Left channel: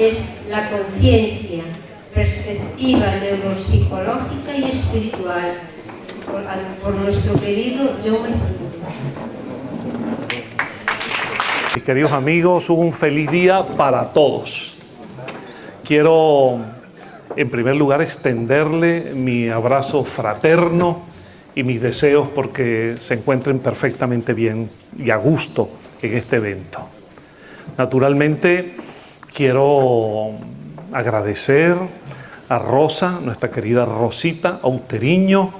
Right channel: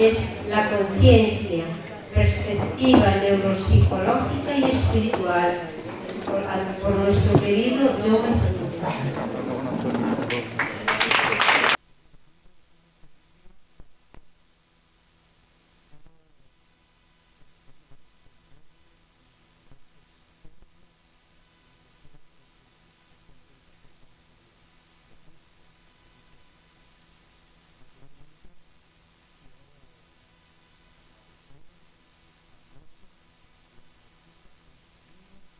es la conciencia, perspectiva neuropsicológica y espiritual, por nuestro querido John. Mis queridos amigos, un feliz día para todos. Quiero, en primer lugar, extenderle mi abrazo fraterno y mis deseos porque se encuentren perfectamente bien y a gusto en este evento. Naturalmente, quiero agradecer a Rosa, nuestra querida Rosita Outeriño,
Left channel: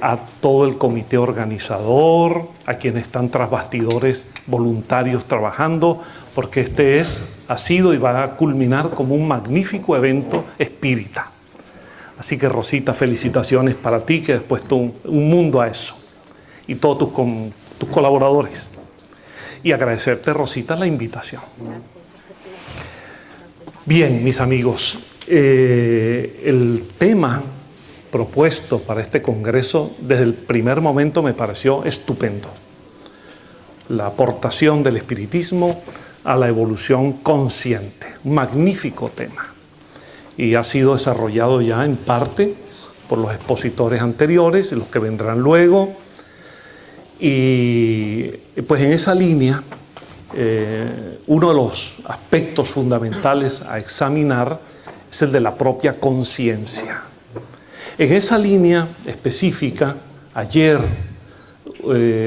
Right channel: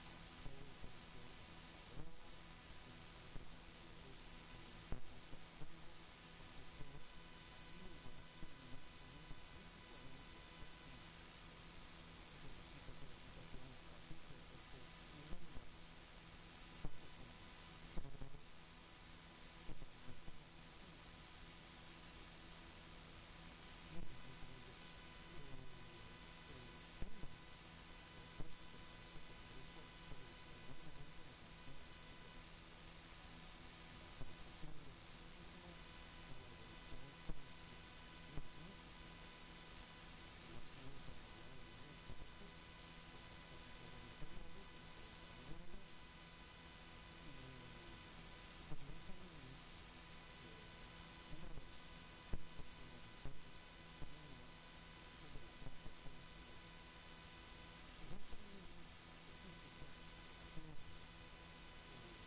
a todo el comité organizador, a quienes están tras bastidores voluntarios trabajando, porque este ha sido y va a culminar como un magnífico evento espírita. Así que, Rosita, felicitaciones para ti, que has puesto un mundo a eso, y todos tus colaboradores. Y agradecerte, Rosita, la invitación. Bien, mis amigos, el tema propuesto para este congreso desde el primer momento me pareció estupendo. La aportación del espiritismo a la evolución consciente. Un magnífico tema. Y ha sido desarrollado ya en parte por los expositores anteriores y los que vendrán luego. Y pues en esa línea, uno de los aspectos fundamentales a examinar es el de la propia conciencia. En esa línea específica, ayer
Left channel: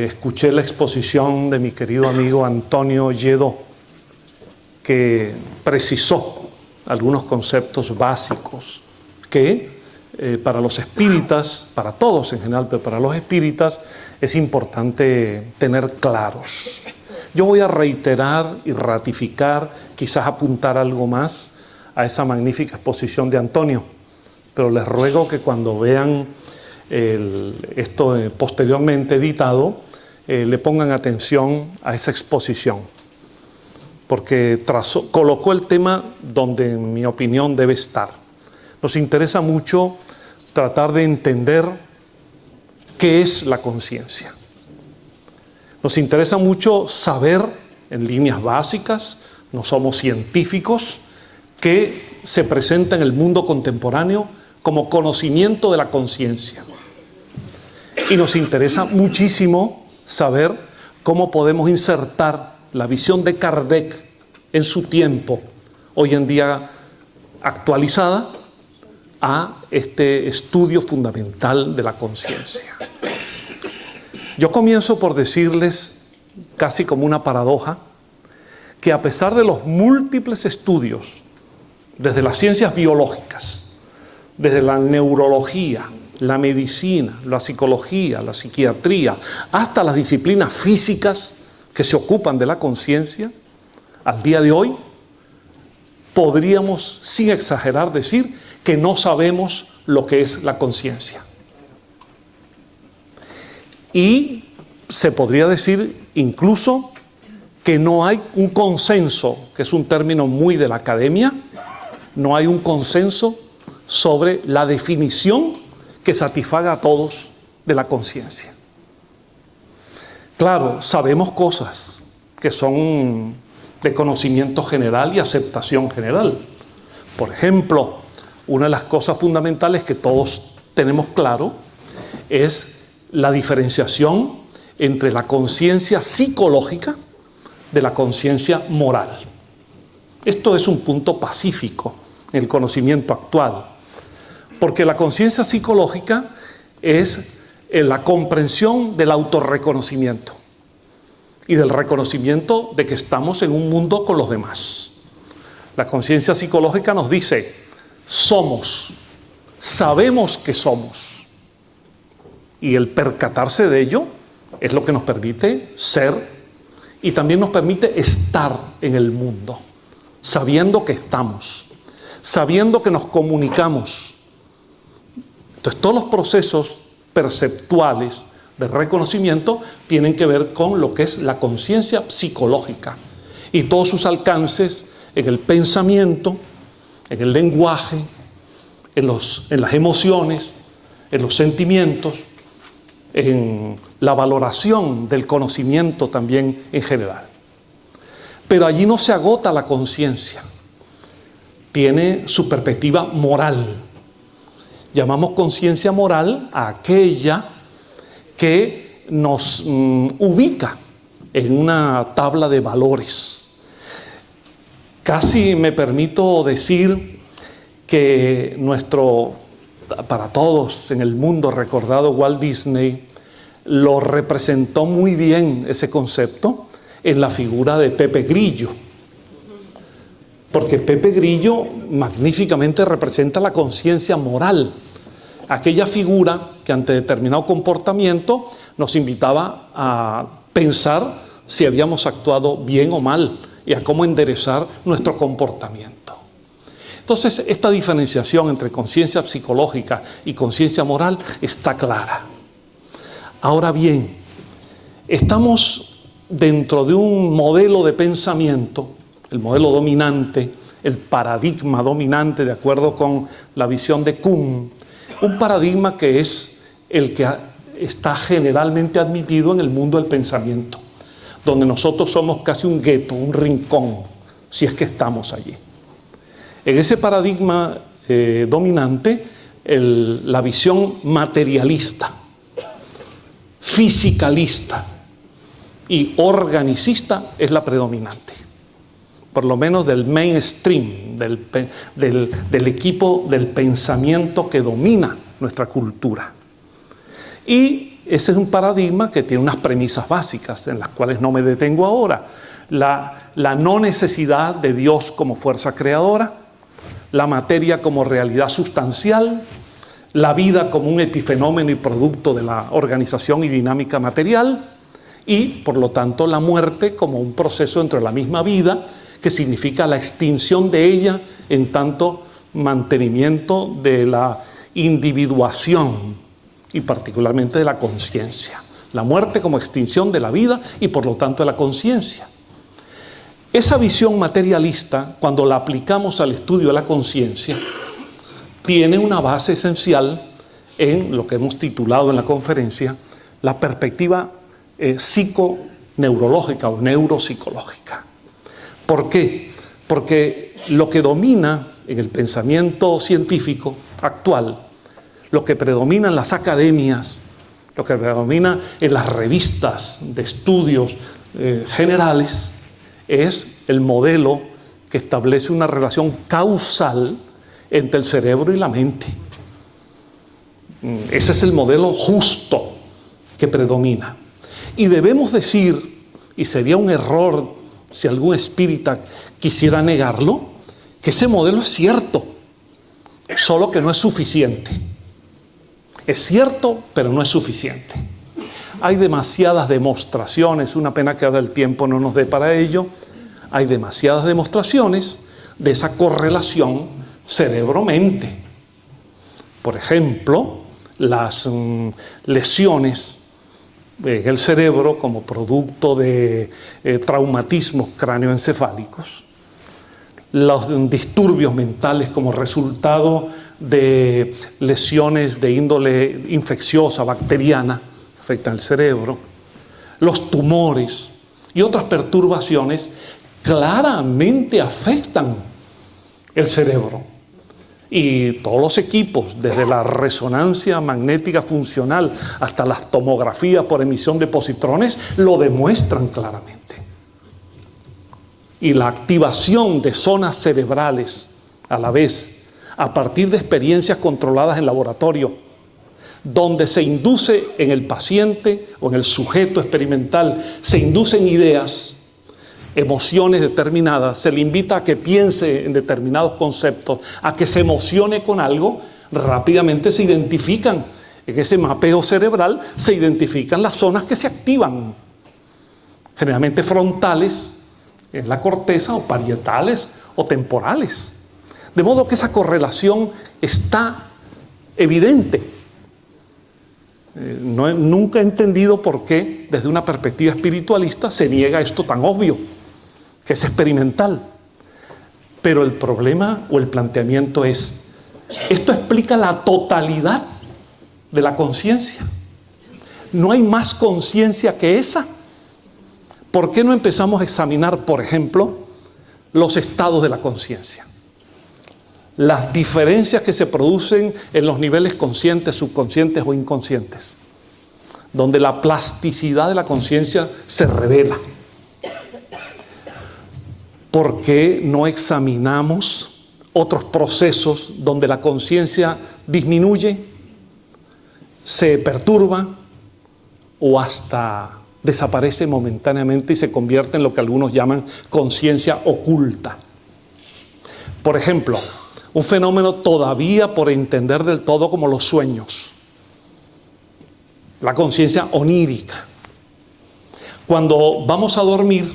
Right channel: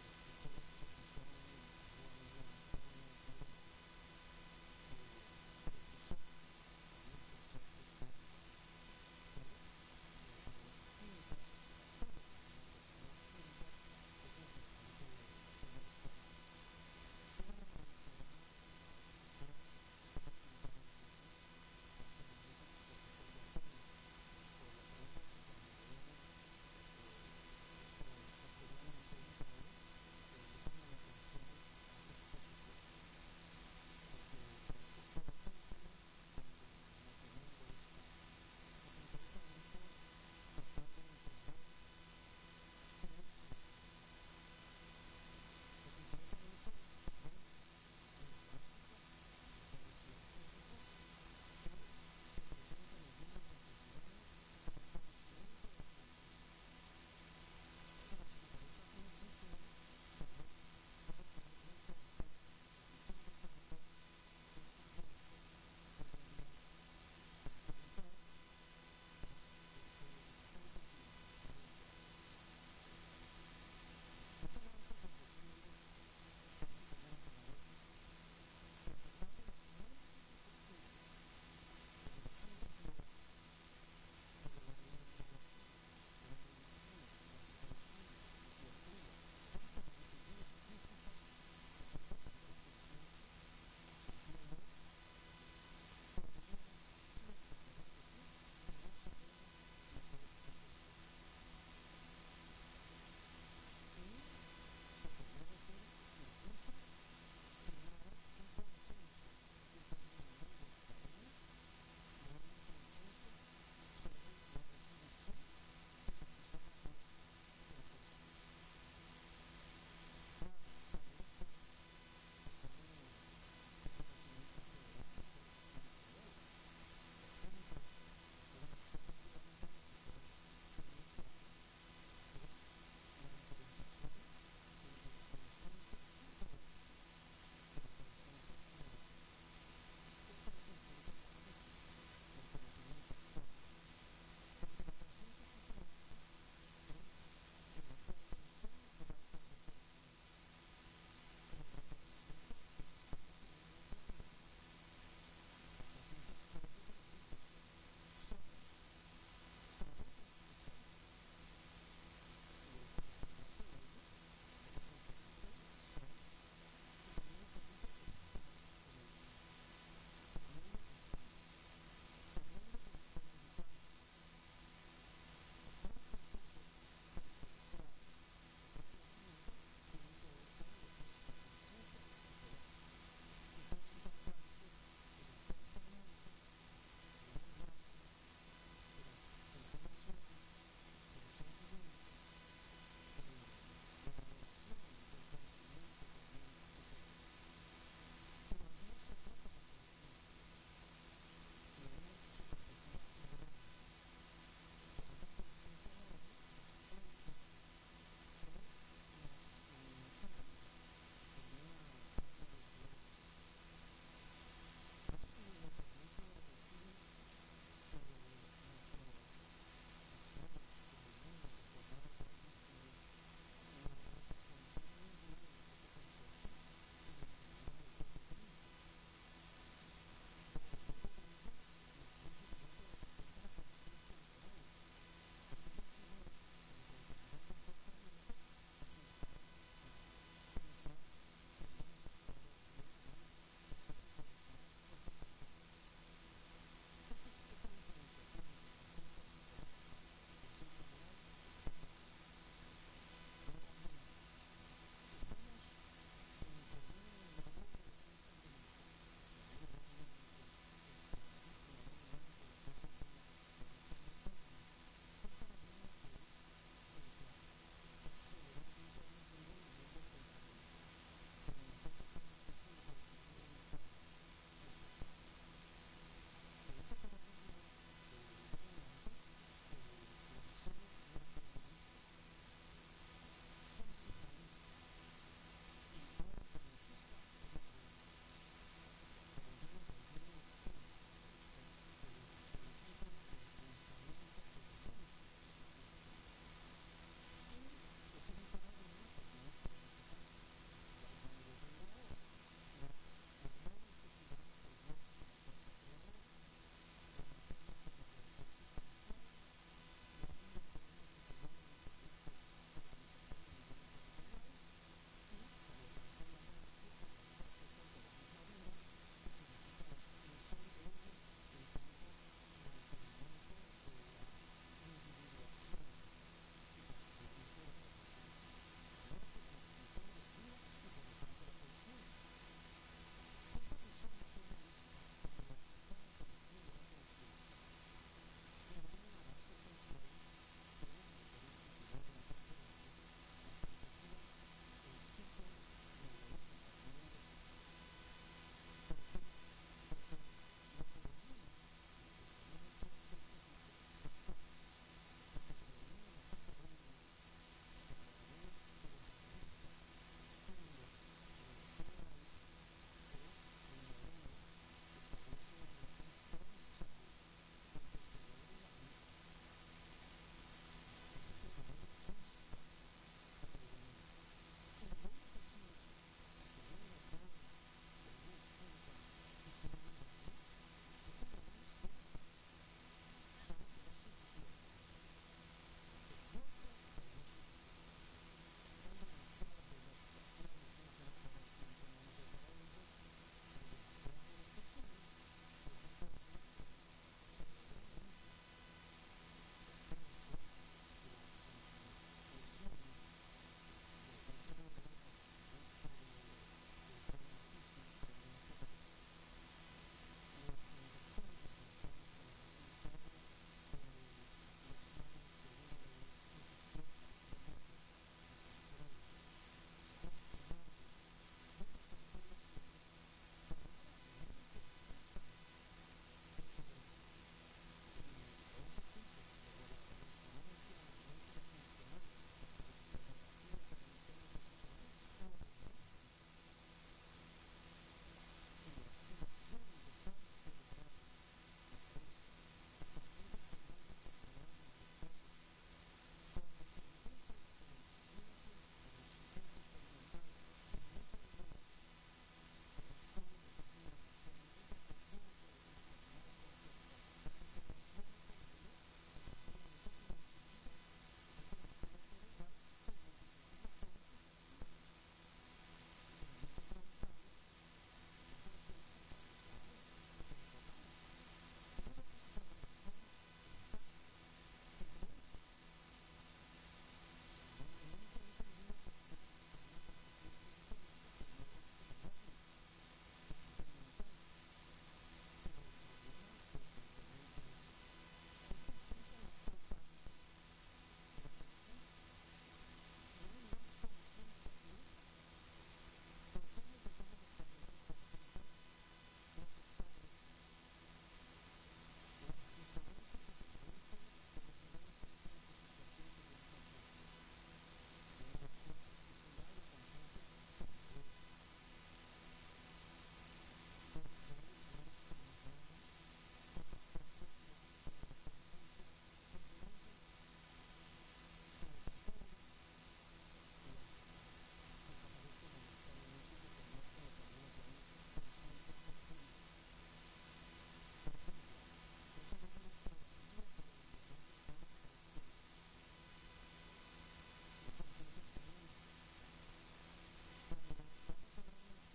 escuché la exposición de mi querido amigo Antonio Lledó, que precisó algunos conceptos básicos que para los espíritas, para todos en general, pero para los espíritas es importante tener claros. Yo voy a reiterar y ratificar, quizás apuntar algo más a esa magnífica exposición de Antonio, pero les ruego que cuando vean esto posteriormente editado, le pongan atención a esa exposición, porque colocó el tema donde, en mi opinión, debe estar. Nos interesa mucho tratar de entender qué es la conciencia. Nos interesa mucho saber, en líneas básicas, no somos científicos, qué se presenta en el mundo contemporáneo como conocimiento de la conciencia. Y nos interesa muchísimo saber cómo podemos insertar la visión de Kardec en su tiempo, hoy en día actualizada, a este estudio fundamental de la conciencia. Yo comienzo por decirles, casi como una paradoja, que a pesar de los múltiples estudios, desde las ciencias biológicas, desde la neurología, la medicina, la psicología, la psiquiatría, hasta las disciplinas físicas que se ocupan de la conciencia, al día de hoy, podríamos, sin exagerar, decir que no sabemos lo que es la conciencia. Y se podría decir incluso que no hay un consenso, que es un término muy de la academia, no hay un consenso sobre la definición que satisfaga a todos de la conciencia. Claro, sabemos cosas que son de conocimiento general y aceptación general. Por ejemplo, una de las cosas fundamentales que todos tenemos claro es la diferenciación entre la conciencia psicológica de la conciencia moral. Esto es un punto pacífico en el conocimiento actual, porque la conciencia psicológica es la comprensión del autorreconocimiento y del reconocimiento de que estamos en un mundo con los demás. La conciencia psicológica nos dice, somos, sabemos que somos, y el percatarse de ello es lo que nos permite ser y también nos permite estar en el mundo, sabiendo que estamos, sabiendo que nos comunicamos. Entonces, todos los procesos perceptuales de reconocimiento tienen que ver con lo que es la conciencia psicológica y todos sus alcances en el pensamiento, en el lenguaje, en las emociones, en los sentimientos, en la valoración del conocimiento también en general. Pero allí no se agota la conciencia, tiene su perspectiva moral. Llamamos conciencia moral a aquella que nos ubica en una tabla de valores. Casi me permito decir que para todos en el mundo recordado Walt Disney lo representó muy bien ese concepto en la figura de Pepe Grillo. Porque Pepe Grillo magníficamente representa la conciencia moral, aquella figura que ante determinado comportamiento nos invitaba a pensar si habíamos actuado bien o mal y a cómo enderezar nuestro comportamiento. Entonces, esta diferenciación entre conciencia psicológica y conciencia moral está clara. Ahora bien, estamos dentro de un modelo de pensamiento, el modelo dominante, el paradigma dominante, de acuerdo con la visión de Kuhn, un paradigma que es el que está generalmente admitido en el mundo del pensamiento, donde nosotros somos casi un gueto, un rincón, si es que estamos allí. En ese paradigma dominante, la visión materialista, fisicalista y organicista es la predominante, por lo menos del mainstream, del equipo del pensamiento que domina nuestra cultura. Y ese es un paradigma que tiene unas premisas básicas en las cuales no me detengo ahora. La no necesidad de Dios como fuerza creadora, la materia como realidad sustancial, la vida como un epifenómeno y producto de la organización y dinámica material, y por lo tanto la muerte como un proceso dentro de la misma vida que significa la extinción de ella en tanto mantenimiento de la individuación y particularmente de la conciencia. La muerte como extinción de la vida y por lo tanto de la conciencia. Esa visión materialista, cuando la aplicamos al estudio de la conciencia, tiene una base esencial en lo que hemos titulado en la conferencia la perspectiva psiconeurológica o neuropsicológica. ¿Por qué? Porque lo que domina en el pensamiento científico actual, lo que predomina en las academias, lo que predomina en las revistas de estudios generales, es el modelo que establece una relación causal entre el cerebro y la mente. Ese es el modelo justo que predomina. Y debemos decir, y sería un error si algún espírita quisiera negarlo, que ese modelo es cierto, solo que no es suficiente. Es cierto, pero no es suficiente. Hay demasiadas demostraciones, una pena que ahora el tiempo no nos dé para ello, hay demasiadas demostraciones de esa correlación cerebro-mente. Por ejemplo, las lesiones en el cerebro como producto de traumatismos cráneoencefálicos, los disturbios mentales como resultado de lesiones de índole infecciosa, bacteriana, afectan el cerebro, los tumores y otras perturbaciones claramente afectan el cerebro. Y todos los equipos, desde la resonancia magnética funcional hasta las tomografías por emisión de positrones, lo demuestran claramente. Y la activación de zonas cerebrales a la vez, a partir de experiencias controladas en laboratorio, donde se induce en el paciente o en el sujeto experimental, se inducen ideas, emociones determinadas, se le invita a que piense en determinados conceptos, a que se emocione con algo, rápidamente se identifican, en ese mapeo cerebral se identifican las zonas que se activan, generalmente frontales, en la corteza, o parietales o temporales. De modo que esa correlación está evidente. Nunca he entendido por qué, desde una perspectiva espiritualista, se niega esto tan obvio, que es experimental. Pero el problema o el planteamiento es, esto explica la totalidad de la conciencia. ¿No hay más conciencia que esa? ¿Por qué no empezamos a examinar, por ejemplo, los estados de la conciencia? las diferencias que se producen en los niveles conscientes, subconscientes o inconscientes, donde la plasticidad de la conciencia se revela. ¿Por qué no examinamos otros procesos donde la conciencia disminuye, se perturba o hasta desaparece momentáneamente y se convierte en lo que algunos llaman conciencia oculta? Por ejemplo, un fenómeno todavía por entender del todo como los sueños, la conciencia onírica. Cuando vamos a dormir,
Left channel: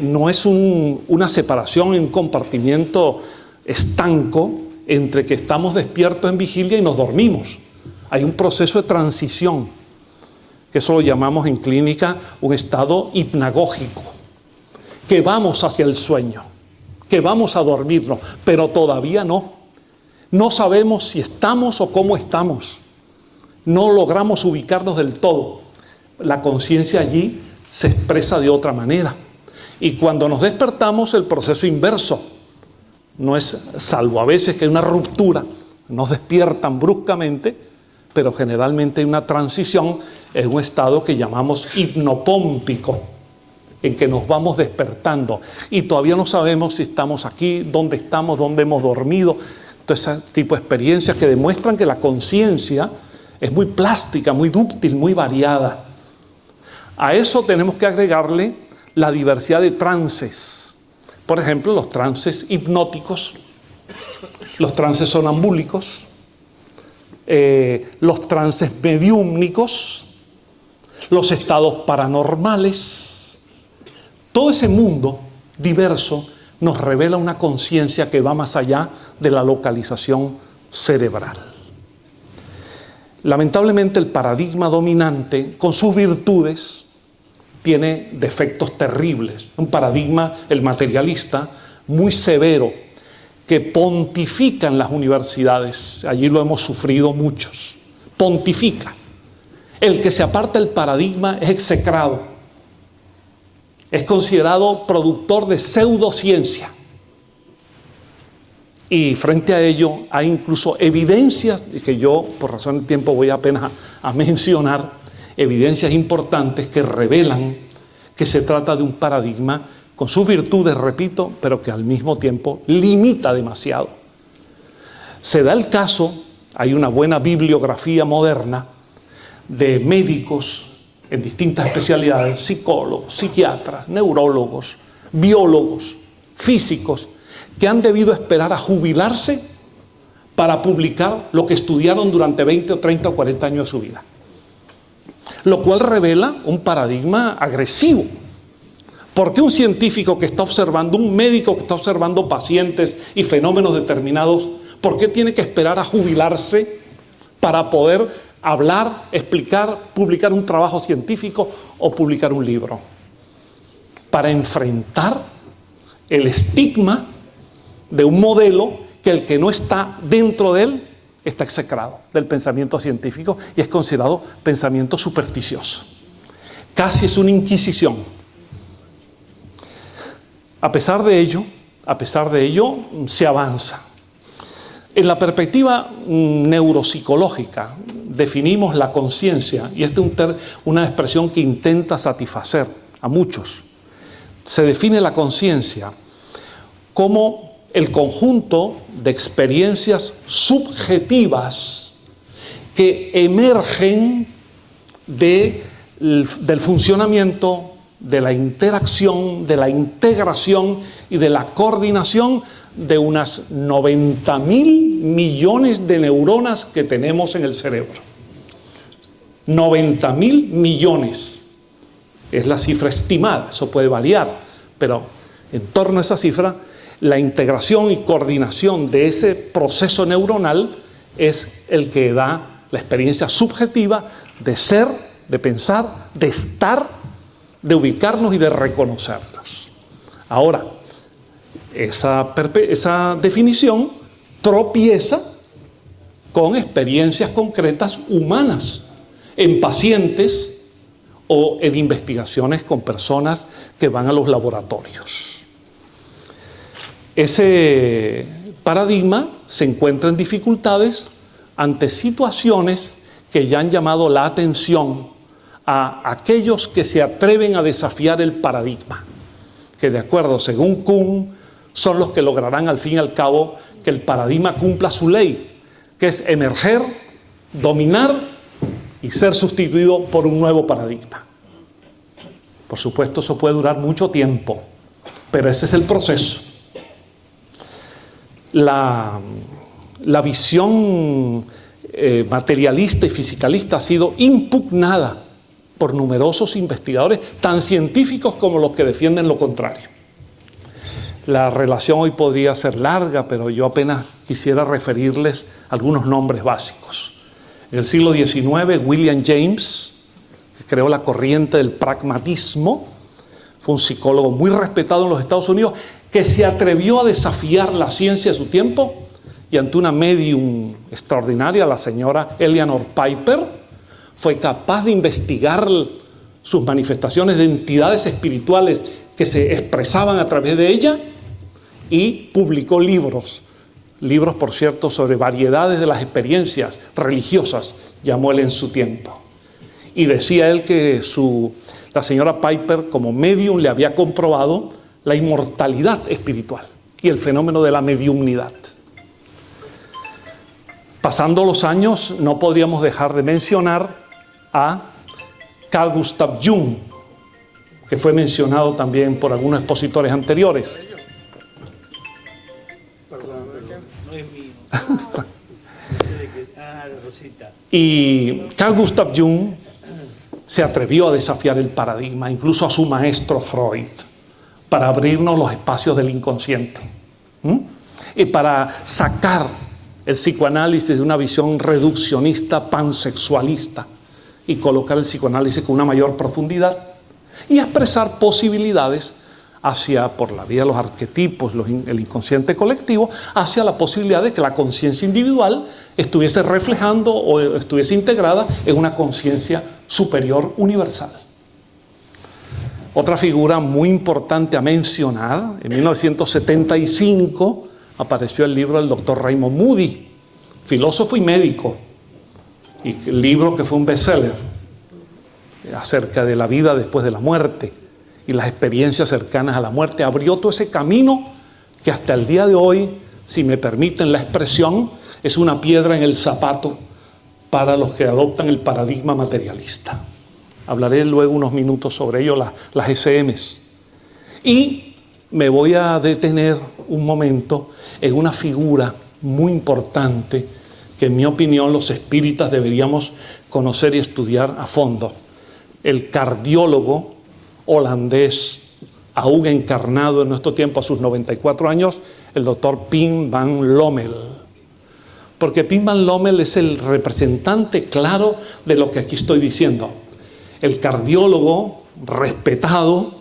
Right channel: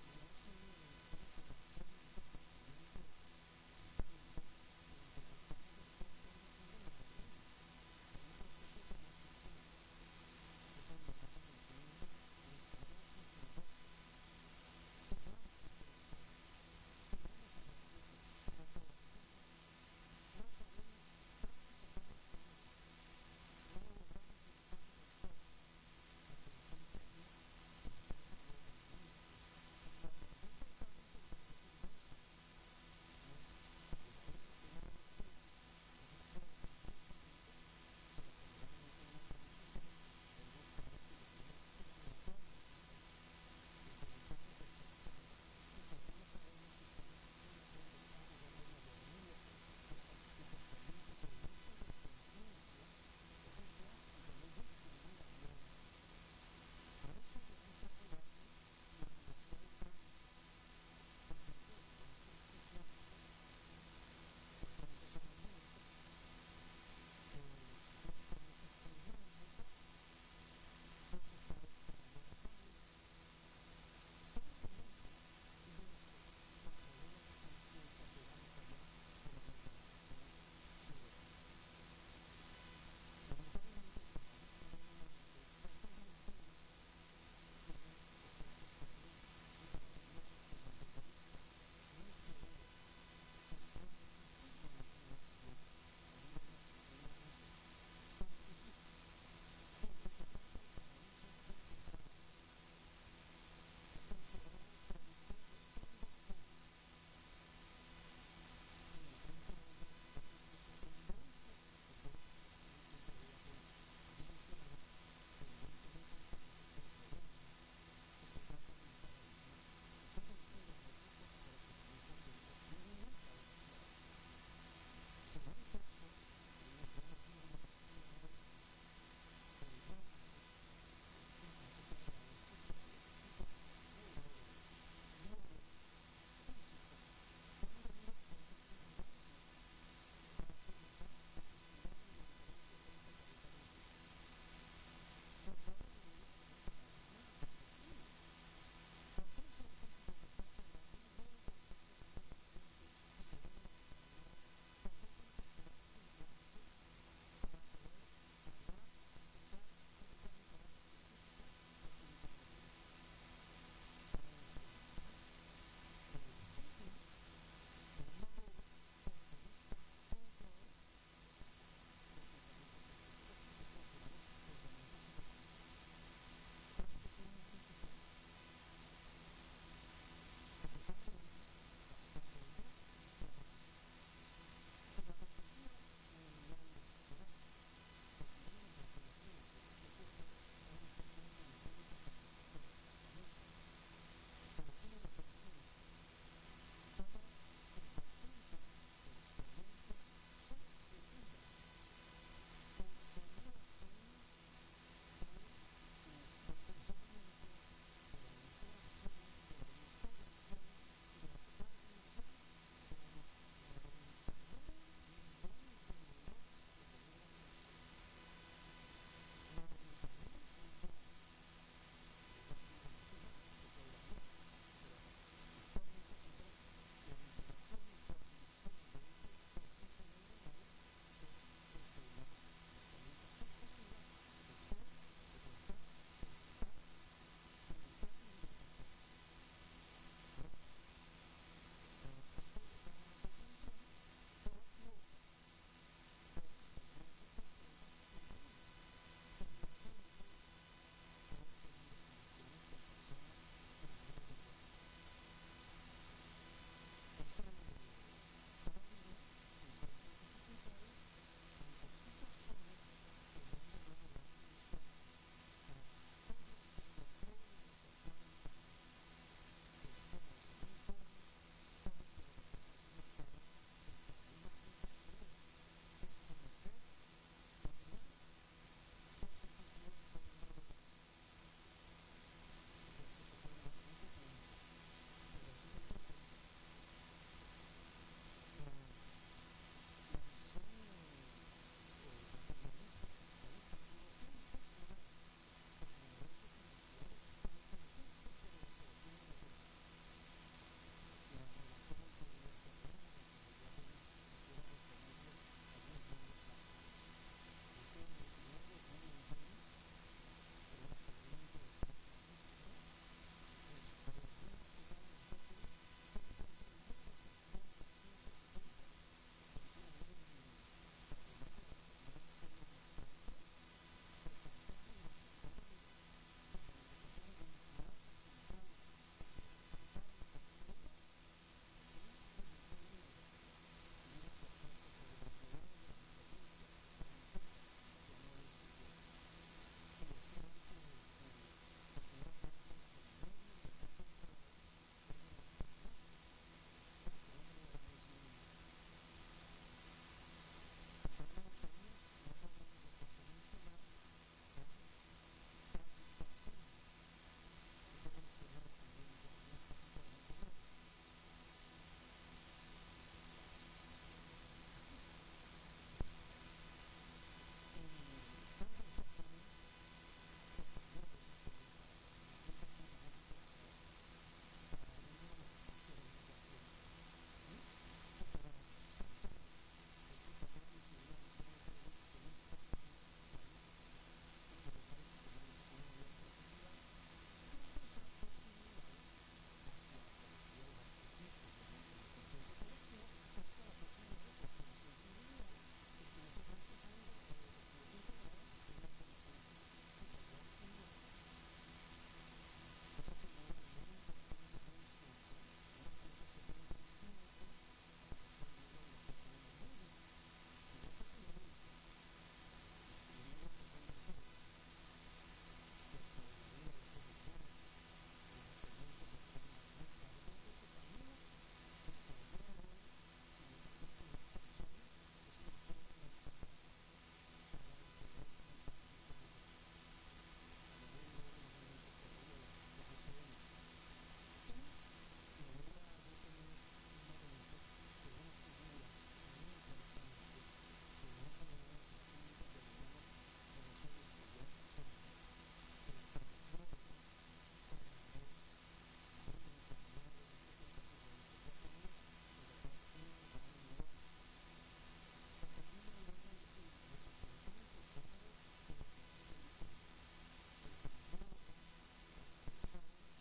no es una separación, un compartimiento estanco entre que estamos despiertos en vigilia y nos dormimos. Hay un proceso de transición, que eso lo llamamos en clínica un estado hipnagógico, que vamos hacia el sueño, que vamos a dormirnos, pero todavía no. No sabemos si estamos o cómo estamos. No logramos ubicarnos del todo. La conciencia allí se expresa de otra manera. Y cuando nos despertamos, el proceso inverso. No es, salvo a veces que hay una ruptura, nos despiertan bruscamente, pero generalmente hay una transición en un estado que llamamos hipnopómpico, en que nos vamos despertando y todavía no sabemos si estamos aquí, dónde estamos, dónde hemos dormido. Todo ese tipo de experiencias que demuestran que la conciencia es muy plástica, muy dúctil, muy variada. A eso tenemos que agregarle la diversidad de trances. Por ejemplo, los trances hipnóticos, los trances sonambúlicos, los trances mediúmnicos, los estados paranormales. Todo ese mundo diverso nos revela una conciencia que va más allá de la localización cerebral. Lamentablemente, el paradigma dominante, con sus virtudes, tiene defectos terribles. Un paradigma, el materialista, muy severo, que pontifica en las universidades. Allí lo hemos sufrido muchos. Pontifica. El que se aparta del paradigma es execrado. Es considerado productor de pseudociencia. Y frente a ello hay incluso evidencias, que yo por razón del tiempo voy apenas a mencionar, evidencias importantes que revelan que se trata de un paradigma con sus virtudes, repito, pero que al mismo tiempo limita demasiado. Se da el caso, hay una buena bibliografía moderna de médicos en distintas especialidades, psicólogos, psiquiatras, neurólogos, biólogos, físicos, que han debido esperar a jubilarse para publicar lo que estudiaron durante 20 o 30 o 40 años de su vida. Lo cual revela un paradigma agresivo. Porque un científico que está observando, un médico que está observando pacientes y fenómenos determinados, ¿por qué tiene que esperar a jubilarse para poder hablar, explicar, publicar un trabajo científico o publicar un libro? Para enfrentar el estigma de un modelo que el que no está dentro de él está execrado del pensamiento científico y es considerado pensamiento supersticioso. Casi es una inquisición. A pesar de ello, se avanza. En la perspectiva neuropsicológica definimos la conciencia, y esta es una expresión que intenta satisfacer a muchos. Se define la conciencia como el conjunto de experiencias subjetivas que emergen del funcionamiento, de la interacción, de la integración y de la coordinación de unas 90.000 millones de neuronas que tenemos en el cerebro. 90.000 millones. Es la cifra estimada, eso puede variar, pero en torno a esa cifra, la integración y coordinación de ese proceso neuronal es el que da la experiencia subjetiva de ser, de pensar, de estar, de ubicarnos y de reconocernos. Ahora, esa definición tropieza con experiencias concretas humanas en pacientes o en investigaciones con personas que van a los laboratorios. Ese paradigma se encuentra en dificultades ante situaciones que ya han llamado la atención a aquellos que se atreven a desafiar el paradigma, que de acuerdo, según Kuhn, son los que lograrán al fin y al cabo que el paradigma cumpla su ley, que es emerger, dominar y ser sustituido por un nuevo paradigma. Por supuesto, eso puede durar mucho tiempo, pero ese es el proceso. La visión materialista y fisicalista ha sido impugnada por numerosos investigadores, tan científicos como los que defienden lo contrario. La relación hoy podría ser larga, pero yo apenas quisiera referirles algunos nombres básicos. En el siglo XIX, William James, que creó la corriente del pragmatismo, fue un psicólogo muy respetado en los Estados Unidos, que se atrevió a desafiar la ciencia de su tiempo, y ante una medium extraordinaria, la señora Eleanor Piper, fue capaz de investigar sus manifestaciones de entidades espirituales que se expresaban a través de ella, y publicó libros, por cierto, sobre variedades de las experiencias religiosas, llamó él en su tiempo. Y decía él que la señora Piper, como medium, le había comprobado la inmortalidad espiritual y el fenómeno de la mediumnidad. Pasando los años, no podríamos dejar de mencionar a Carl Gustav Jung, que fue mencionado también por algunos expositores anteriores. Y Carl Gustav Jung se atrevió a desafiar el paradigma, incluso a su maestro Freud, para abrirnos los espacios del inconsciente, y para sacar el psicoanálisis de una visión reduccionista, pansexualista, y colocar el psicoanálisis con una mayor profundidad y expresar posibilidades por la vía de los arquetipos, el inconsciente colectivo, hacia la posibilidad de que la conciencia individual estuviese reflejando o estuviese integrada en una conciencia superior universal. Otra figura muy importante a mencionar, en 1975 apareció el libro del doctor Raymond Moody, filósofo y médico, y el libro que fue un bestseller acerca de la vida después de la muerte y las experiencias cercanas a la muerte. Abrió todo ese camino que hasta el día de hoy, si me permiten la expresión, es una piedra en el zapato para los que adoptan el paradigma materialista. Hablaré luego unos minutos sobre ello, las SMs. Y me voy a detener un momento en una figura muy importante que en mi opinión los espíritas deberíamos conocer y estudiar a fondo. El cardiólogo holandés, aún encarnado en nuestro tiempo a sus 94 años, el doctor Pim van Lommel. Porque Pim van Lommel es el representante claro de lo que aquí estoy diciendo. El cardiólogo respetado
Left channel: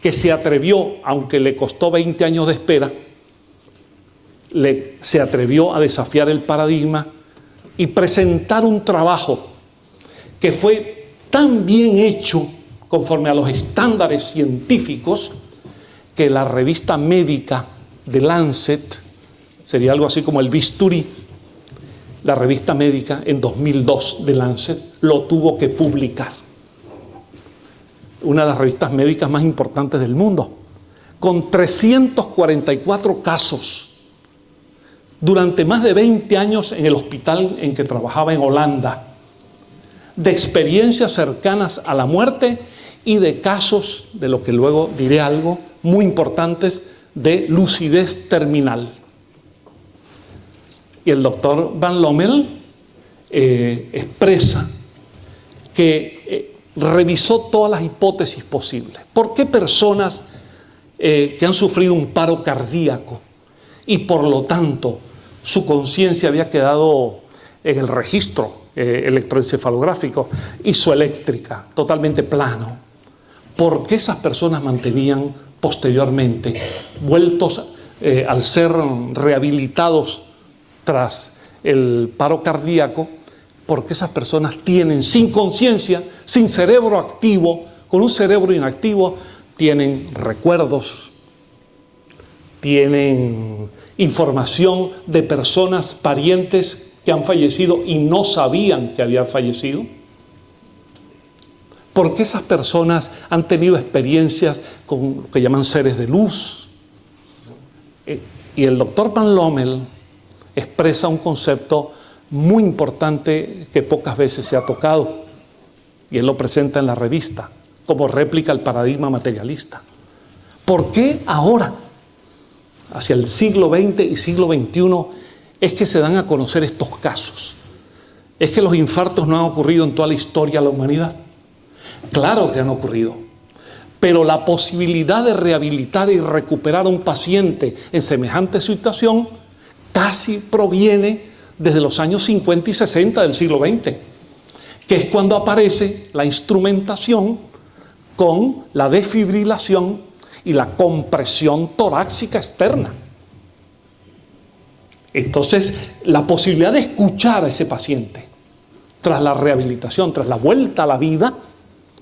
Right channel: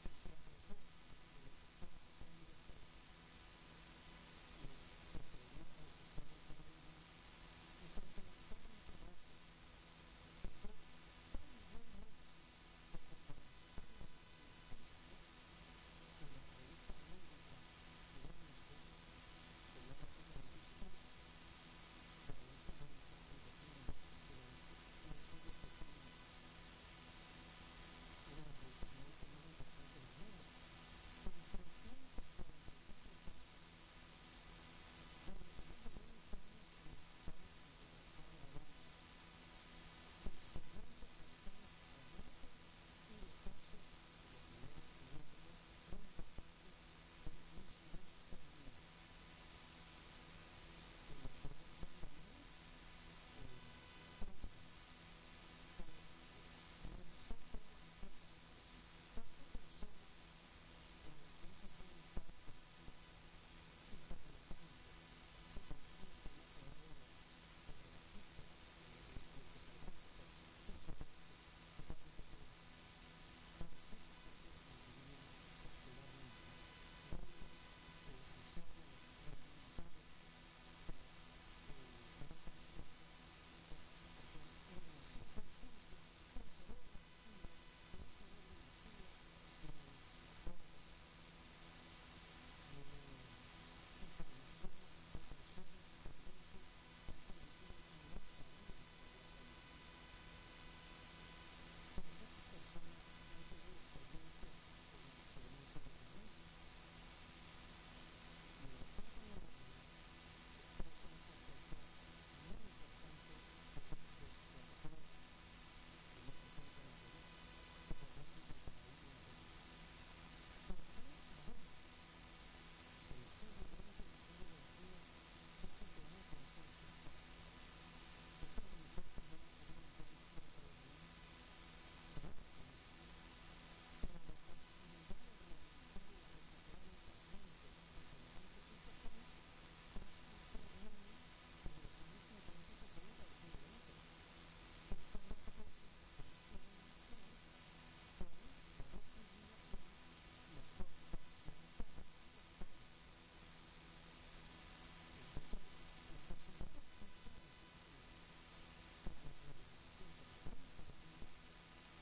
que se atrevió, aunque le costó 20 años de espera, se atrevió a desafiar el paradigma y presentar un trabajo que fue tan bien hecho conforme a los estándares científicos que la revista médica de Lancet, sería algo así como el bisturí, la revista médica en 2002 de Lancet lo tuvo que publicar. Una de las revistas médicas más importantes del mundo, con 344 casos durante más de 20 años en el hospital en que trabajaba en Holanda, de experiencias cercanas a la muerte y de casos, de lo que luego diré algo, muy importantes, de lucidez terminal. Y el doctor Van Lommel expresa que revisó todas las hipótesis posibles. ¿Por qué personas que han sufrido un paro cardíaco y por lo tanto su conciencia había quedado en el registro electroencefalográfico isoeléctrica, totalmente plano? ¿Por qué esas personas mantenían posteriormente, vueltos al ser rehabilitados tras el paro cardíaco, por qué esas personas tienen sin conciencia, sin cerebro activo, con un cerebro inactivo, tienen recuerdos, tienen información de personas, parientes que han fallecido y no sabían que habían fallecido. Porque esas personas han tenido experiencias con lo que llaman seres de luz. Y el doctor Van Lommel expresa un concepto muy importante que pocas veces se ha tocado, y él lo presenta en la revista como réplica al paradigma materialista. ¿Por qué ahora, hacia el siglo XX y siglo XXI, es que se dan a conocer estos casos? ¿Es que los infartos no han ocurrido en toda la historia de la humanidad? Claro que han ocurrido, pero la posibilidad de rehabilitar y recuperar a un paciente en semejante situación casi proviene desde los años 50 y 60 del siglo XX, que es cuando aparece la instrumentación con la desfibrilación y la compresión torácica externa. Entonces, la posibilidad de escuchar a ese paciente tras la rehabilitación, tras la vuelta a la vida,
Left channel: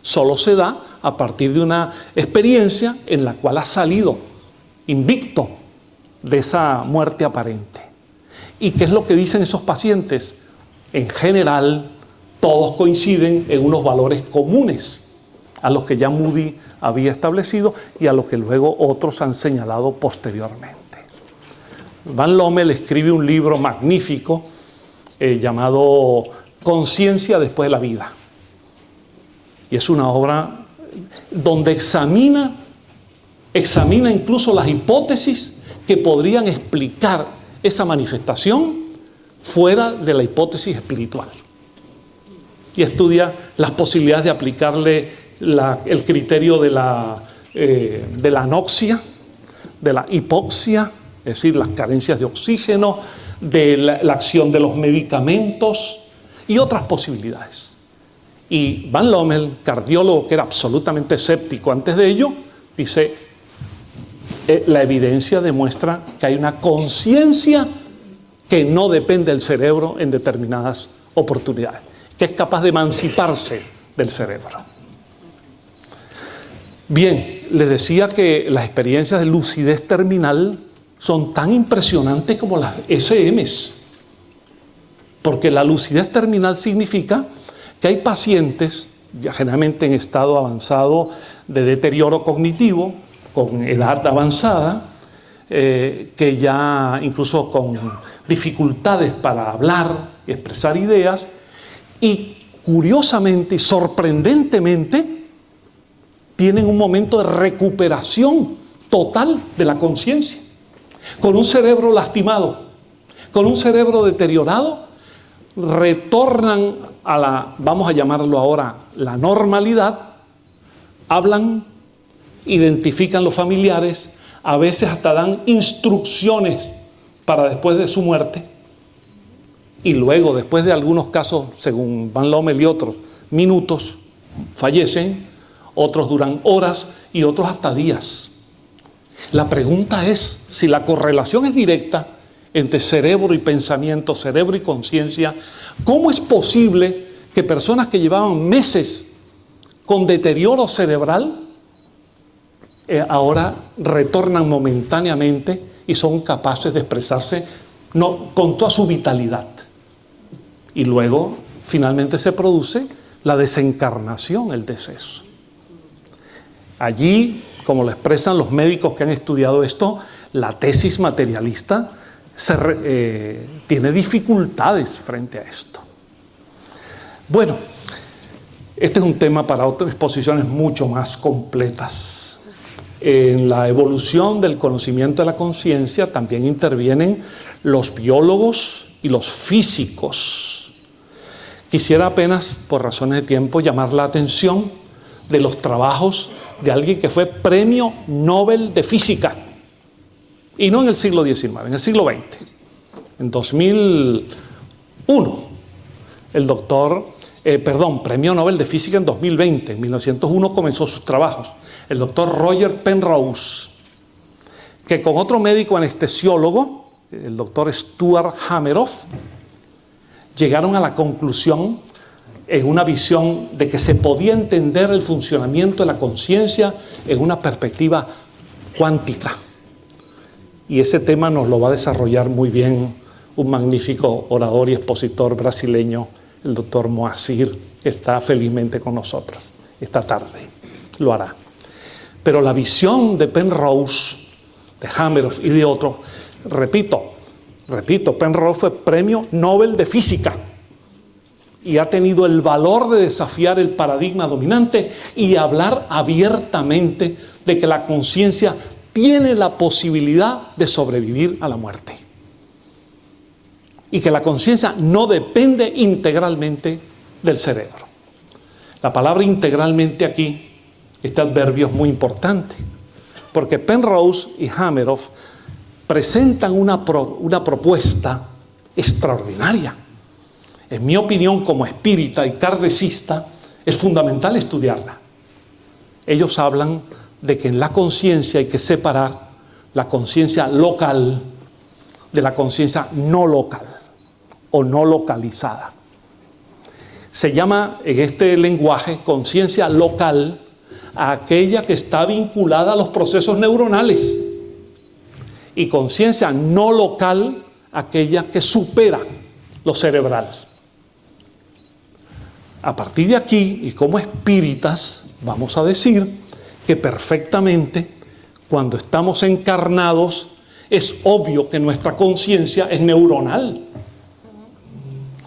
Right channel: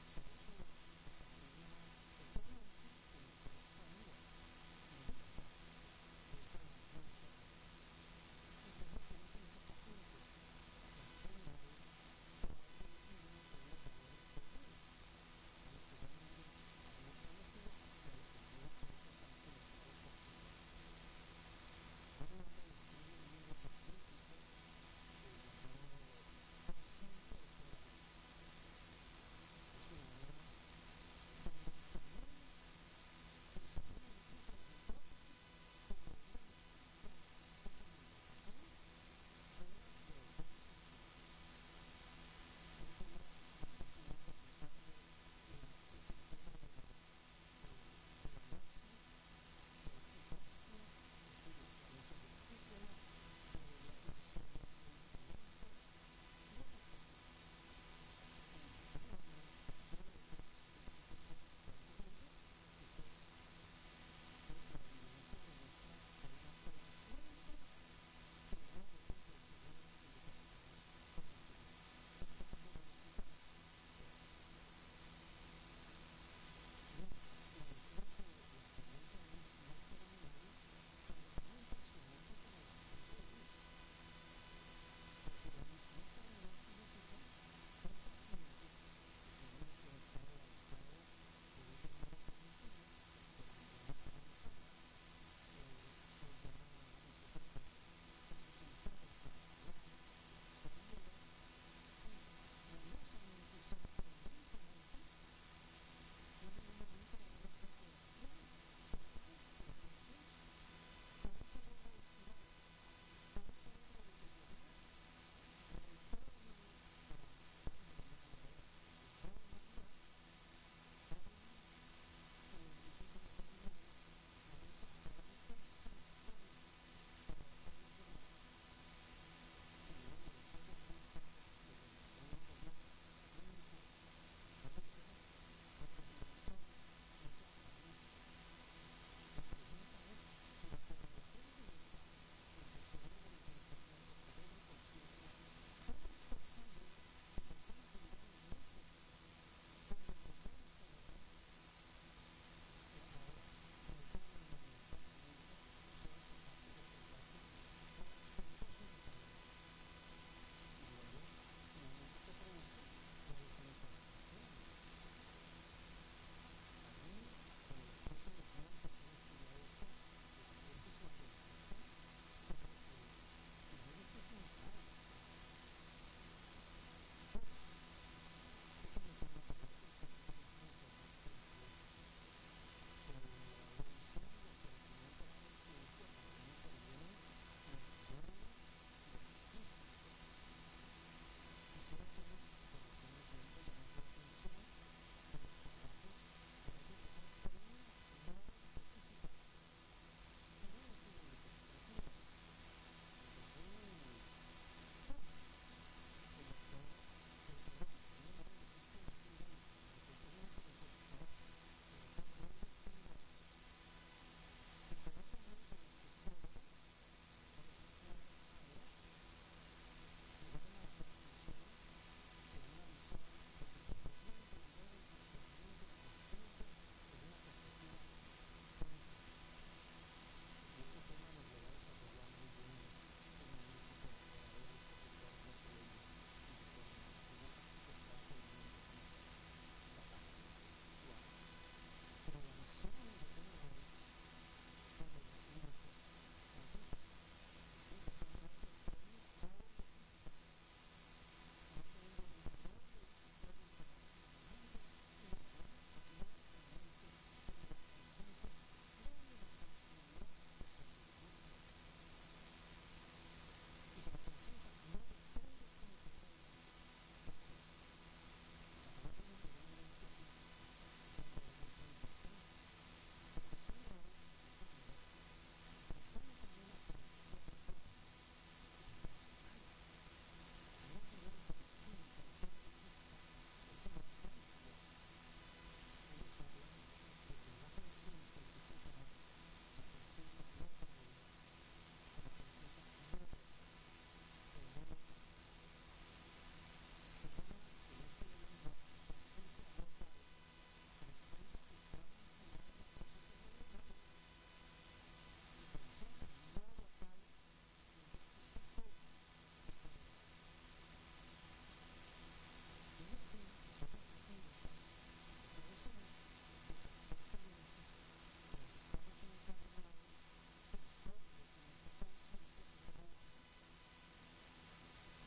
solo se da a partir de una experiencia en la cual ha salido invicto de esa muerte aparente. ¿Y qué es lo que dicen esos pacientes? En general, todos coinciden en unos valores comunes a los que ya Moody había establecido y a los que luego otros han señalado posteriormente. Van Lommel escribe un libro magnífico llamado Conciencia después de la vida. Y es una obra donde examina incluso las hipótesis que podrían explicar esa manifestación fuera de la hipótesis espiritual. Y estudia las posibilidades de aplicarle el criterio de la anoxia, de la hipoxia, es decir, las carencias de oxígeno, de la acción de los medicamentos y otras posibilidades. Y Van Lommel, cardiólogo que era absolutamente escéptico antes de ello, dice, la evidencia demuestra que hay una conciencia que no depende del cerebro en determinadas oportunidades, que es capaz de emanciparse del cerebro. Bien, les decía que las experiencias de lucidez terminal son tan impresionantes como las SMs, porque la lucidez terminal significa que hay pacientes, ya generalmente en estado avanzado de deterioro cognitivo, con edad avanzada, que ya incluso con dificultades para hablar y expresar ideas, y curiosamente y sorprendentemente tienen un momento de recuperación total de la conciencia. Con un cerebro lastimado, con un cerebro deteriorado, retornan a la, vamos a llamarlo ahora, la normalidad, hablan, identifican los familiares, a veces hasta dan instrucciones para después de su muerte, y luego, después de algunos casos, según Van Lommel y otros, minutos, fallecen, otros duran horas y otros hasta días. La pregunta es, si la correlación es directa entre cerebro y pensamiento, cerebro y conciencia, ¿cómo es posible que personas que llevaban meses con deterioro cerebral ahora retornan momentáneamente y son capaces de expresarse con toda su vitalidad? Y luego, finalmente, se produce la desencarnación, el deceso. Allí, como lo expresan los médicos que han estudiado esto, la tesis materialista tiene dificultades frente a esto. Bueno, este es un tema para otras exposiciones mucho más completas. En la evolución del conocimiento de la conciencia también intervienen los biólogos y los físicos. Quisiera apenas, por razones de tiempo, llamar la atención de los trabajos de alguien que fue Premio Nobel de Física, y no en el siglo XIX, en el siglo XX. En 2001, Premio Nobel de Física en 2020, en 1901 comenzó sus trabajos, el doctor Roger Penrose, que con otro médico anestesiólogo, el doctor Stuart Hameroff, llegaron a la conclusión, en una visión de que se podía entender el funcionamiento de la conciencia en una perspectiva cuántica. Y ese tema nos lo va a desarrollar muy bien un magnífico orador y expositor brasileño, el doctor Moacir, que está felizmente con nosotros esta tarde. Lo hará. Pero la visión de Penrose, de Hameroff y de otros, repito, Penrose fue premio Nobel de Física y ha tenido el valor de desafiar el paradigma dominante y hablar abiertamente de que la conciencia tiene la posibilidad de sobrevivir a la muerte y que la conciencia no depende integralmente del cerebro. La palabra integralmente aquí, este adverbio es muy importante, porque Penrose y Hameroff presentan una propuesta extraordinaria. En mi opinión, como espírita y kardecista, es fundamental estudiarla. Ellos hablan de que en la conciencia hay que separar la conciencia local de la conciencia no local o no localizada. Se llama en este lenguaje conciencia local a aquella que está vinculada a los procesos neuronales y conciencia no local aquella que supera lo cerebral. A partir de aquí, y como espíritas, vamos a decir que perfectamente cuando estamos encarnados es obvio que nuestra conciencia es neuronal.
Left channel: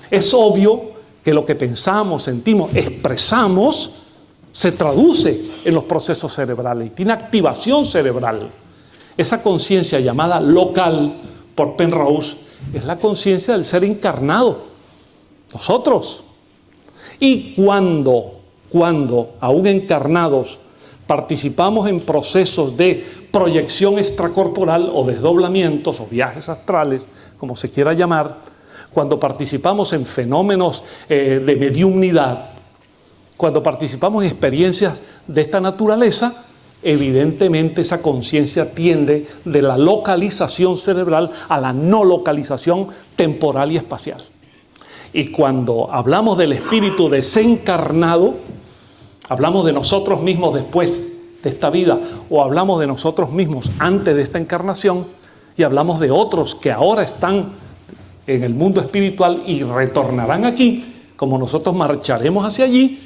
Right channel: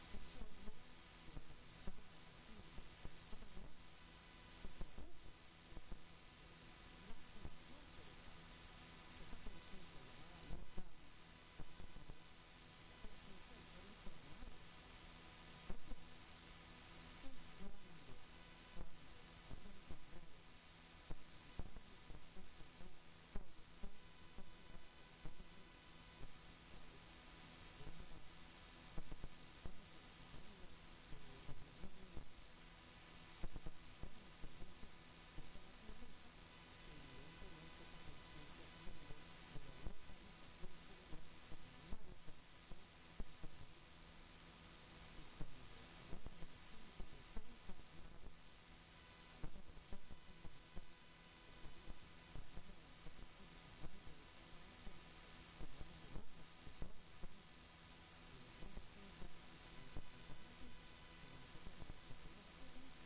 Es obvio que lo que pensamos, sentimos, expresamos se traduce en los procesos cerebrales y tiene activación cerebral. Esa conciencia llamada local por Penrose es la conciencia del ser encarnado, nosotros. Y cuando aún encarnados participamos en procesos de proyección extracorporal o desdoblamientos o viajes astrales, como se quiera llamar, cuando participamos en fenómenos de mediumnidad, cuando participamos en experiencias de esta naturaleza, evidentemente esa conciencia tiende de la localización cerebral a la no localización temporal y espacial. Y cuando hablamos del espíritu desencarnado, hablamos de nosotros mismos después de esta vida o hablamos de nosotros mismos antes de esta encarnación y hablamos de otros que ahora están en el mundo espiritual y retornarán aquí, como nosotros marcharemos hacia allí,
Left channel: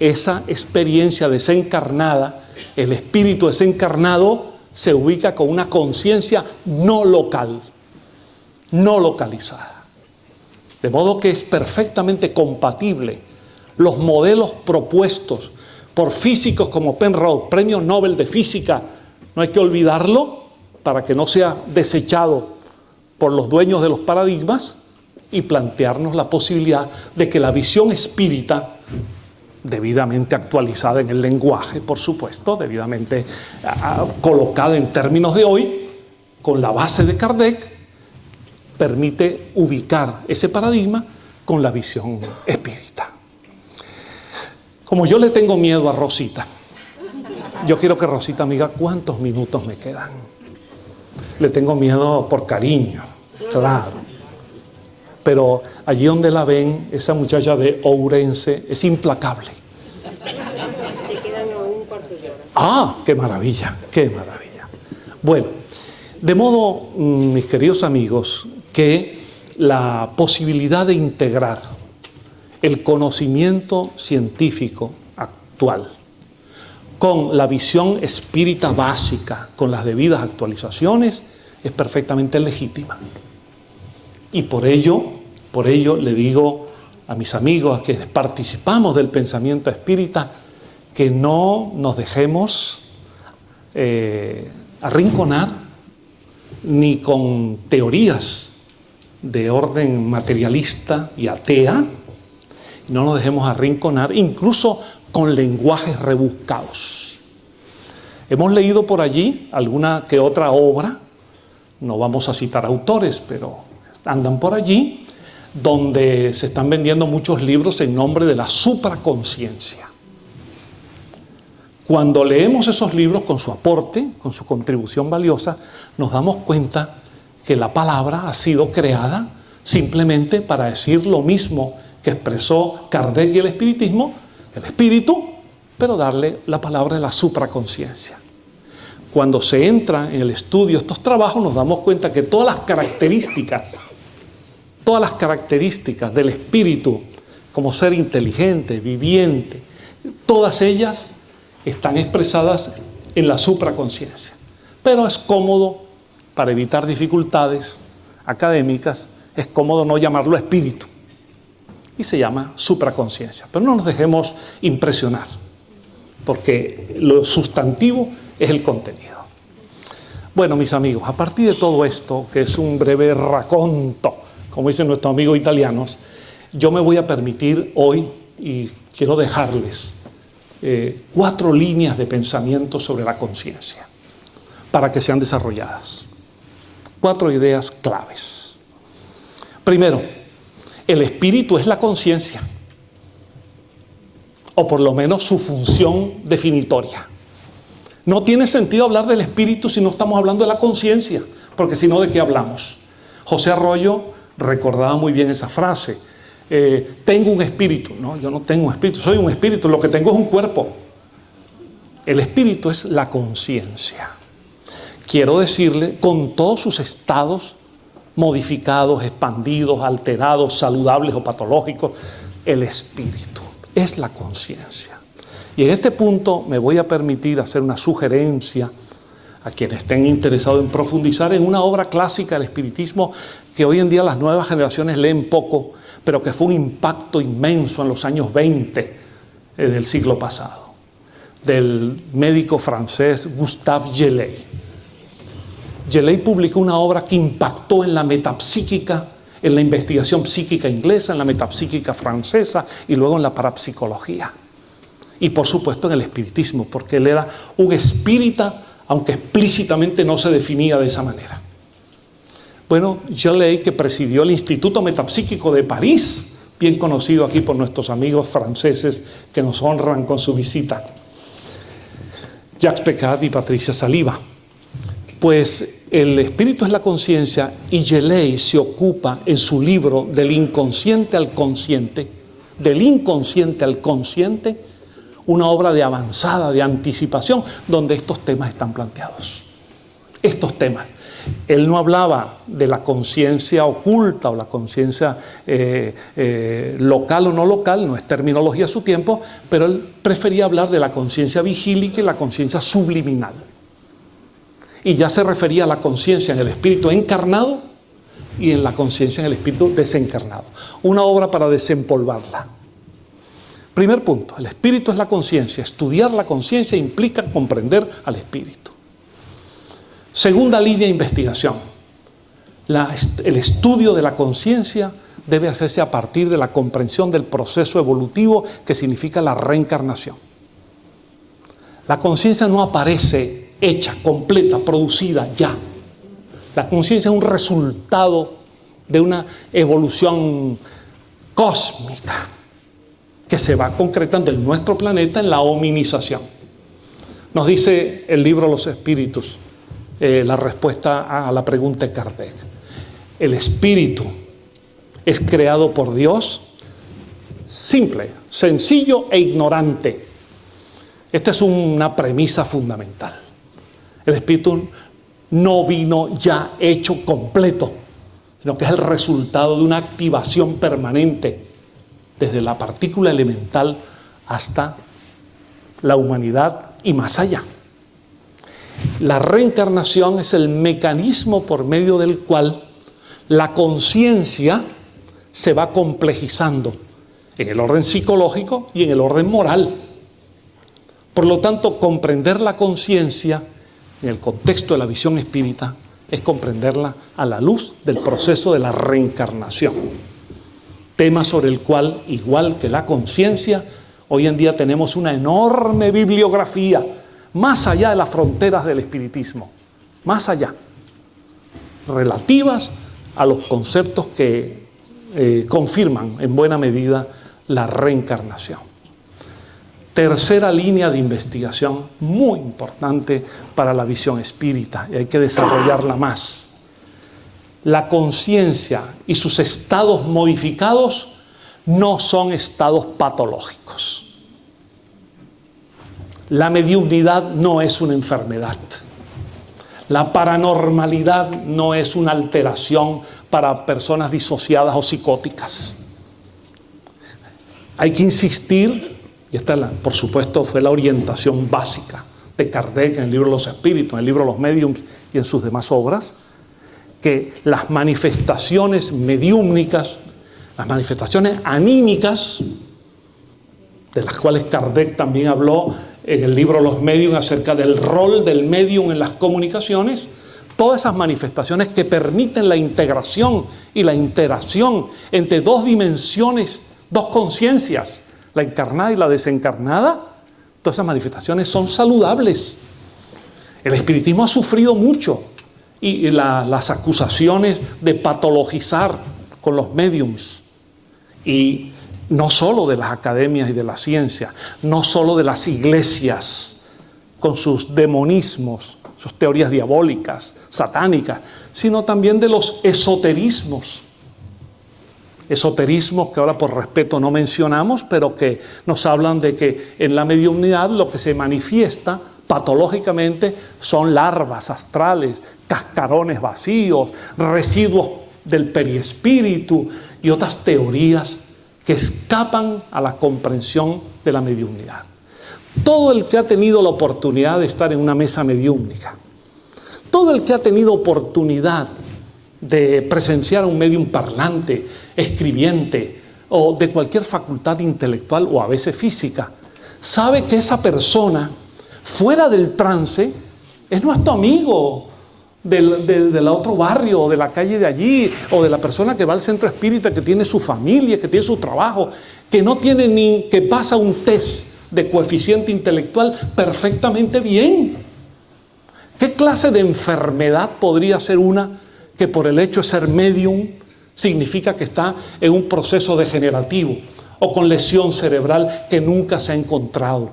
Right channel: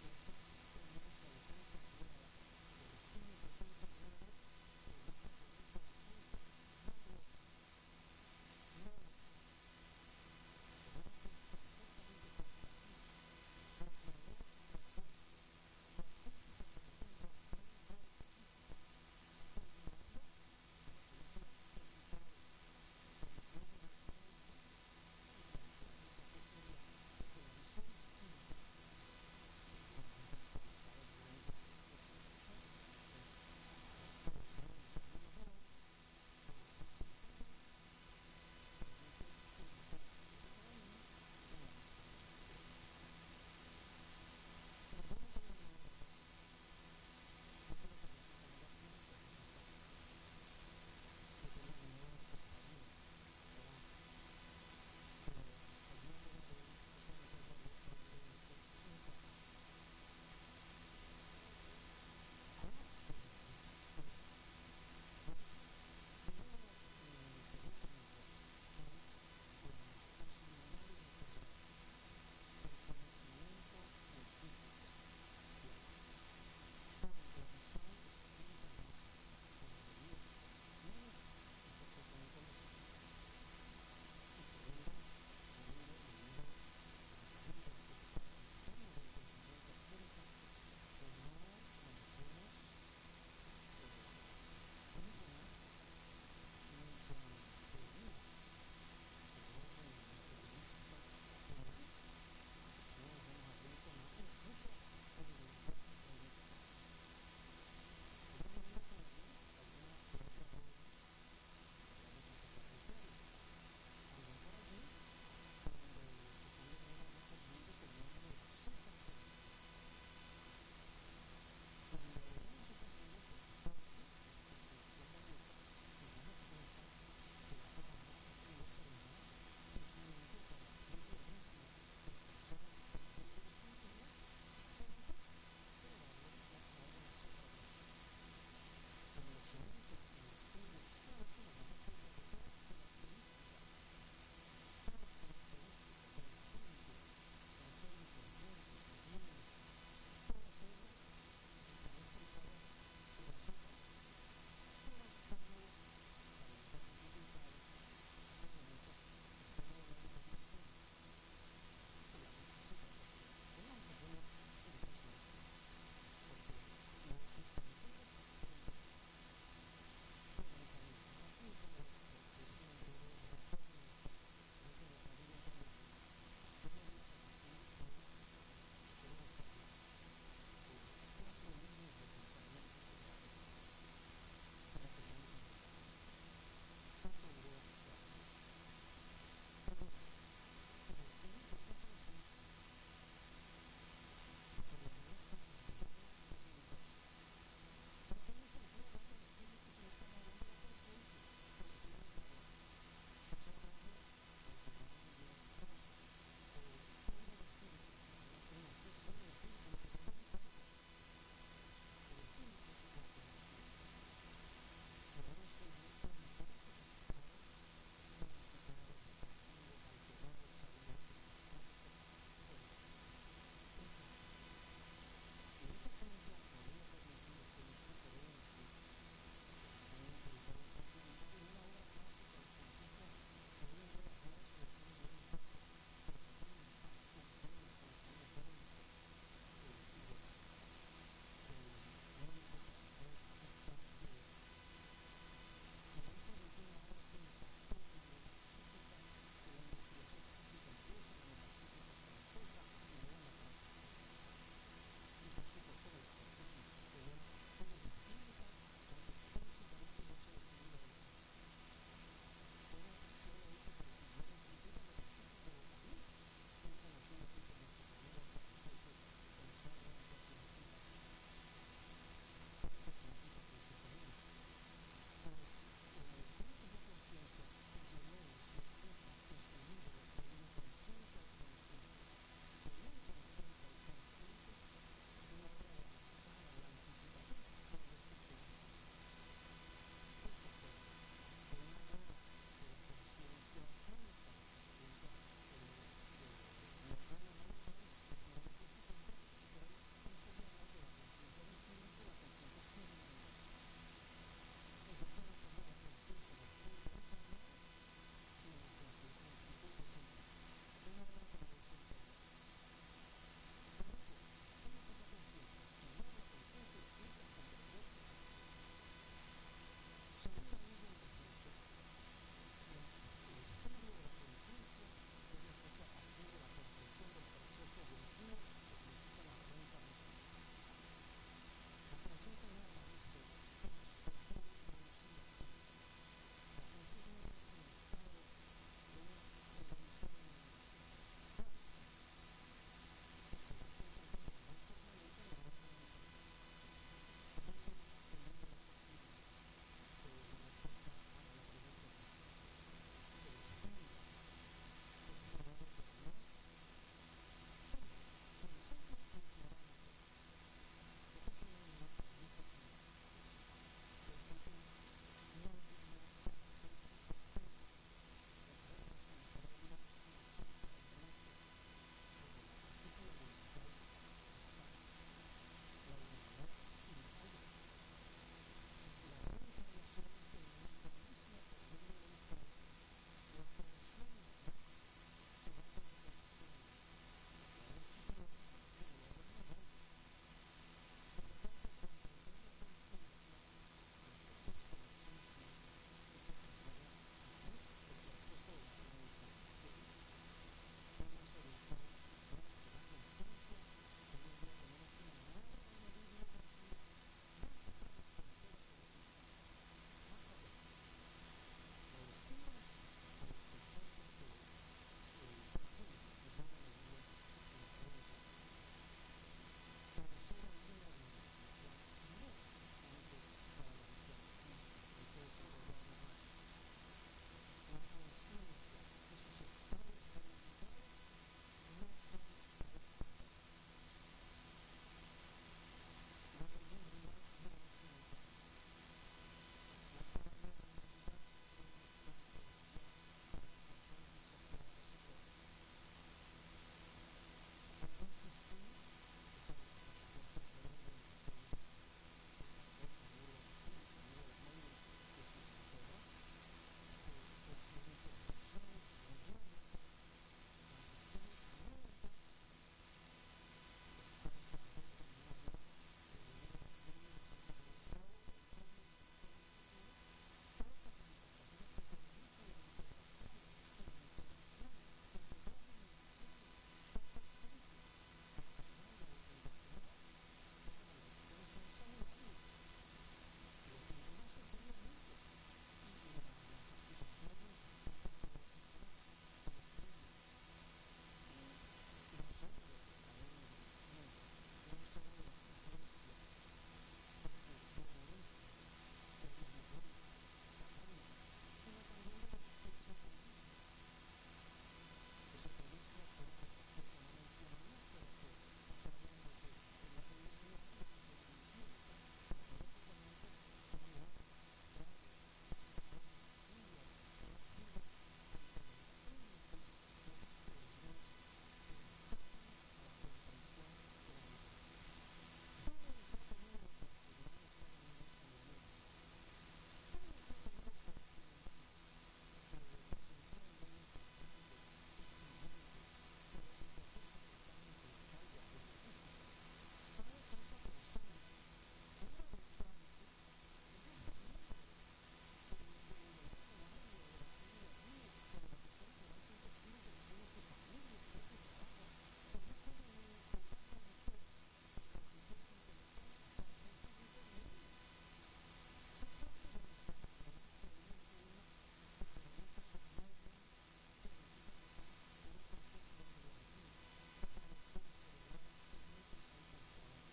esa experiencia desencarnada, el espíritu desencarnado se ubica con una conciencia no local, no localizada. De modo que es perfectamente compatible los modelos propuestos por físicos como Penrose, premio Nobel de Física, no hay que olvidarlo para que no sea desechado por los dueños de los paradigmas, y plantearnos la posibilidad de que la visión espírita, debidamente actualizada en el lenguaje, por supuesto, debidamente colocada en términos de hoy, con la base de Kardec, permite ubicar ese paradigma con la visión espírita. Como yo le tengo miedo a Rosita, yo quiero que Rosita me diga cuántos minutos me quedan. Le tengo miedo por cariño, claro. Pero allí donde la ven, esa muchacha de Ourense es implacable. Te quedan un cuarto de hora. ¡Ah! ¡Qué maravilla! ¡Qué maravilla! Bueno, de modo, mis queridos amigos, que la posibilidad de integrar el conocimiento científico actual con la visión espírita básica, con las debidas actualizaciones, es perfectamente legítima. Y por ello le digo a mis amigos, a quienes participamos del pensamiento espírita, que no nos dejemos arrinconar ni con teorías de orden materialista y atea, no nos dejemos arrinconar incluso con lenguajes rebuscados. Hemos leído por allí alguna que otra obra, no vamos a citar autores, pero andan por allí, donde se están vendiendo muchos libros en nombre de la supraconciencia. Cuando leemos esos libros con su aporte, con su contribución valiosa, nos damos cuenta que la palabra ha sido creada simplemente para decir lo mismo que expresó Kardec y el espiritismo, el espíritu, pero darle la palabra de la supraconciencia. cuando se entra en el estudio de estos trabajos nos damos cuenta que todas las características del espíritu como ser inteligente, viviente, todas ellas están expresadas en la supraconciencia. Pero es cómodo, para evitar dificultades académicas, es cómodo no llamarlo espíritu. Y se llama supraconciencia. Pero no nos dejemos impresionar, porque lo sustantivo es el contenido. Bueno, mis amigos, a partir de todo esto, que es un breve racconto, como dicen nuestros amigos italianos, yo me voy a permitir hoy, y quiero dejarles 4 líneas de pensamiento sobre la conciencia, para que sean desarrolladas. 4 ideas claves. Primero, el espíritu es la conciencia, o por lo menos su función definitoria. No tiene sentido hablar del espíritu si no estamos hablando de la conciencia, porque si no, ¿de qué hablamos? José Arroyo recordaba muy bien esa frase. Tengo un espíritu. No, yo no tengo un espíritu, soy un espíritu, lo que tengo es un cuerpo. El espíritu es la conciencia. Quiero decirle, con todos sus estados modificados, expandidos, alterados, saludables o patológicos, el espíritu es la conciencia. Y en este punto me voy a permitir hacer una sugerencia a quienes estén interesados en profundizar en una obra clásica del espiritismo que hoy en día las nuevas generaciones leen poco, pero que fue un impacto inmenso en los años 20 del siglo pasado, del médico francés Gustave Gelley. Gelley publicó una obra que impactó en la metapsíquica, en la investigación psíquica inglesa, en la metapsíquica francesa y luego en la parapsicología. Y por supuesto en el espiritismo, porque él era un espírita, aunque explícitamente no se definía de esa manera. Bueno, Gelley, que presidió el Instituto Metapsíquico de París, bien conocido aquí por nuestros amigos franceses que nos honran con su visita, Jacques Pecquart y Patricia Saliba. Pues el espíritu es la conciencia, y Gelley se ocupa en su libro del inconsciente al consciente, una obra de avanzada, de anticipación, donde estos temas están planteados. Estos temas. Él no hablaba de la conciencia oculta o la conciencia local o no local, no es terminología a su tiempo, pero él prefería hablar de la conciencia vigílica y la conciencia subliminal. Y ya se refería a la conciencia en el espíritu encarnado y en la conciencia en el espíritu desencarnado. Una obra para desempolvarla. Primer punto, el espíritu es la conciencia. Estudiar la conciencia implica comprender al espíritu. Segunda línea de investigación. El estudio de la conciencia debe hacerse a partir de la comprensión del proceso evolutivo que significa la reencarnación. La conciencia no aparece hecha, completa, producida ya. La conciencia es un resultado de una evolución cósmica que se va concretando en nuestro planeta en la hominización. Nos dice el libro Los Espíritus, la respuesta a la pregunta de Kardec. El espíritu es creado por Dios, simple, sencillo e ignorante. Esta es una premisa fundamental. El espíritu no vino ya hecho completo, sino que es el resultado de una activación permanente desde la partícula elemental hasta la humanidad y más allá. La reencarnación es el mecanismo por medio del cual la conciencia se va complejizando en el orden psicológico y en el orden moral. Por lo tanto, comprender la conciencia en el contexto de la visión espírita es comprenderla a la luz del proceso de la reencarnación. Tema sobre el cual, igual que la conciencia, hoy en día tenemos una enorme bibliografía, más allá de las fronteras del espiritismo, más allá, relativas a los conceptos que confirman en buena medida la reencarnación. Tercera línea de investigación muy importante para la visión espírita, y hay que desarrollarla más. La conciencia y sus estados modificados no son estados patológicos. La mediunidad no es una enfermedad. La paranormalidad no es una alteración para personas disociadas o psicóticas. Hay que insistir, y esta, por supuesto, fue la orientación básica de Kardec en el libro de los Espíritus, en el libro de los Médiuns y en sus demás obras, que las manifestaciones mediúmnicas, las manifestaciones anímicas, de las cuales Kardec también habló en el libro Los Médiuns acerca del rol del médium en las comunicaciones, todas esas manifestaciones que permiten la integración y la interacción entre dos dimensiones, dos conciencias, la encarnada y la desencarnada, todas esas manifestaciones son saludables. El espiritismo ha sufrido mucho y las acusaciones de patologizar con los médiums, y no solo de las academias y de la ciencia, no solo de las iglesias con sus demonismos, sus teorías diabólicas, satánicas, sino también de los esoterismos. Esoterismos que ahora por respeto no mencionamos, pero que nos hablan de que en la mediunidad lo que se manifiesta patológicamente son larvas astrales, cascarones vacíos, residuos del periespíritu y otras teorías que escapan a la comprensión de la mediunidad. Todo el que ha tenido la oportunidad de estar en una mesa mediúmnica, todo el que ha tenido oportunidad de presenciar a un médium parlante, escribiente o de cualquier facultad intelectual o a veces física, sabe que esa persona fuera del trance es nuestro amigo del otro barrio o de la calle de allí, o de la persona que va al centro espírita, que tiene su familia, que tiene su trabajo, que no tiene ni que pasa un test de coeficiente intelectual perfectamente bien. ¿Qué clase de enfermedad podría ser una que por el hecho de ser medium significa que está en un proceso degenerativo o con lesión cerebral que nunca se ha encontrado?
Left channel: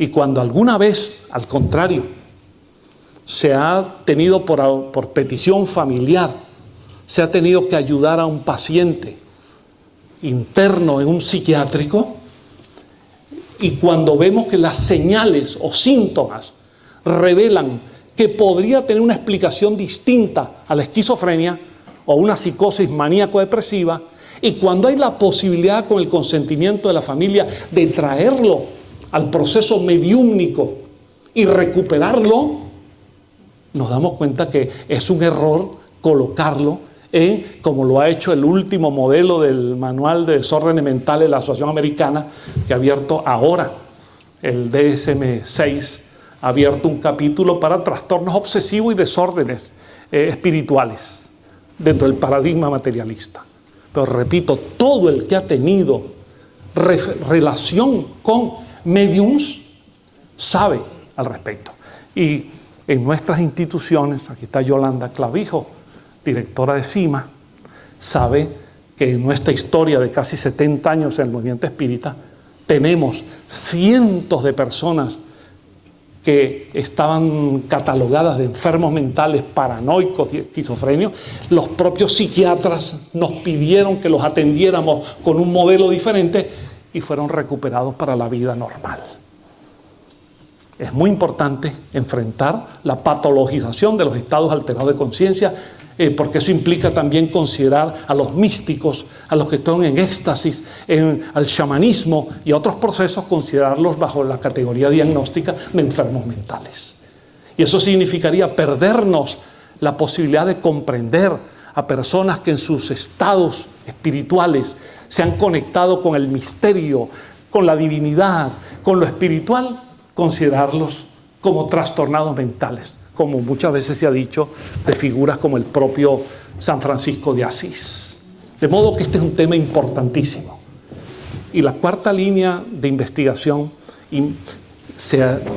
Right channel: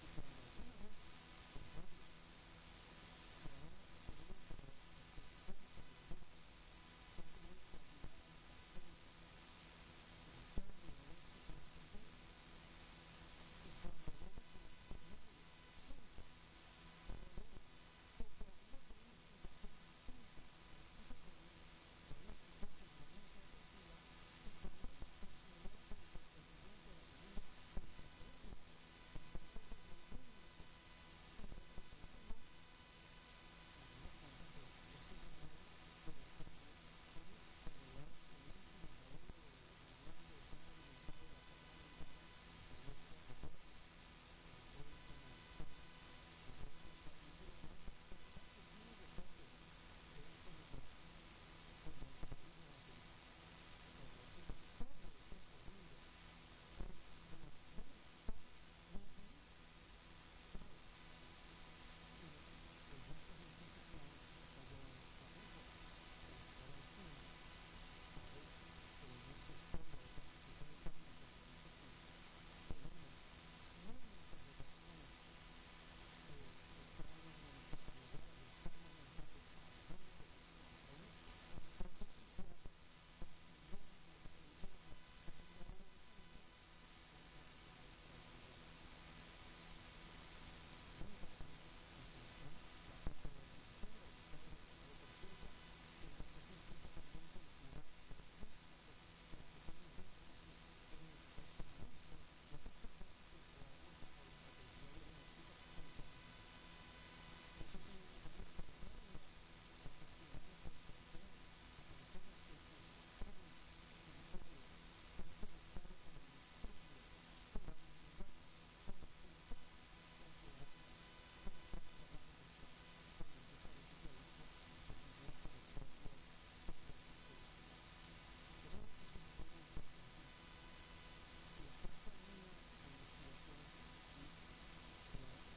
Y cuando alguna vez, al contrario, se ha tenido por petición familiar, se ha tenido que ayudar a un paciente interno en un psiquiátrico, y cuando vemos que las señales o síntomas revelan que podría tener una explicación distinta a la esquizofrenia o una psicosis maníaco-depresiva, y cuando hay la posibilidad con el consentimiento de la familia de traerlo al proceso mediúmnico y recuperarlo, nos damos cuenta que es un error colocarlo en, como lo ha hecho el último modelo del Manual de Desórdenes Mentales de la Asociación Americana, que ha abierto ahora, el DSM-6, ha abierto un capítulo para trastornos obsesivos y desórdenes espirituales dentro del paradigma materialista. Pero repito, todo el que ha tenido relación con médiums sabe al respecto. Y en nuestras instituciones, aquí está Yolanda Clavijo, directora de CIMA, sabe que en nuestra historia de casi 70 años en el movimiento espírita, tenemos cientos de personas que estaban catalogadas de enfermos mentales, paranoicos y esquizofrenios. Los propios psiquiatras nos pidieron que los atendiéramos con un modelo diferente y fueron recuperados para la vida normal. Es muy importante enfrentar la patologización de los estados alterados de conciencia, porque eso implica también considerar a los místicos, a los que están en éxtasis, al chamanismo y a otros procesos, considerarlos bajo la categoría diagnóstica de enfermos mentales. Y eso significaría perdernos la posibilidad de comprender a personas que en sus estados espirituales se han conectado con el misterio, con la divinidad, con lo espiritual, considerarlos como trastornados mentales, como muchas veces se ha dicho de figuras como el propio San Francisco de Asís. De modo que este es un tema importantísimo. Y la cuarta línea de investigación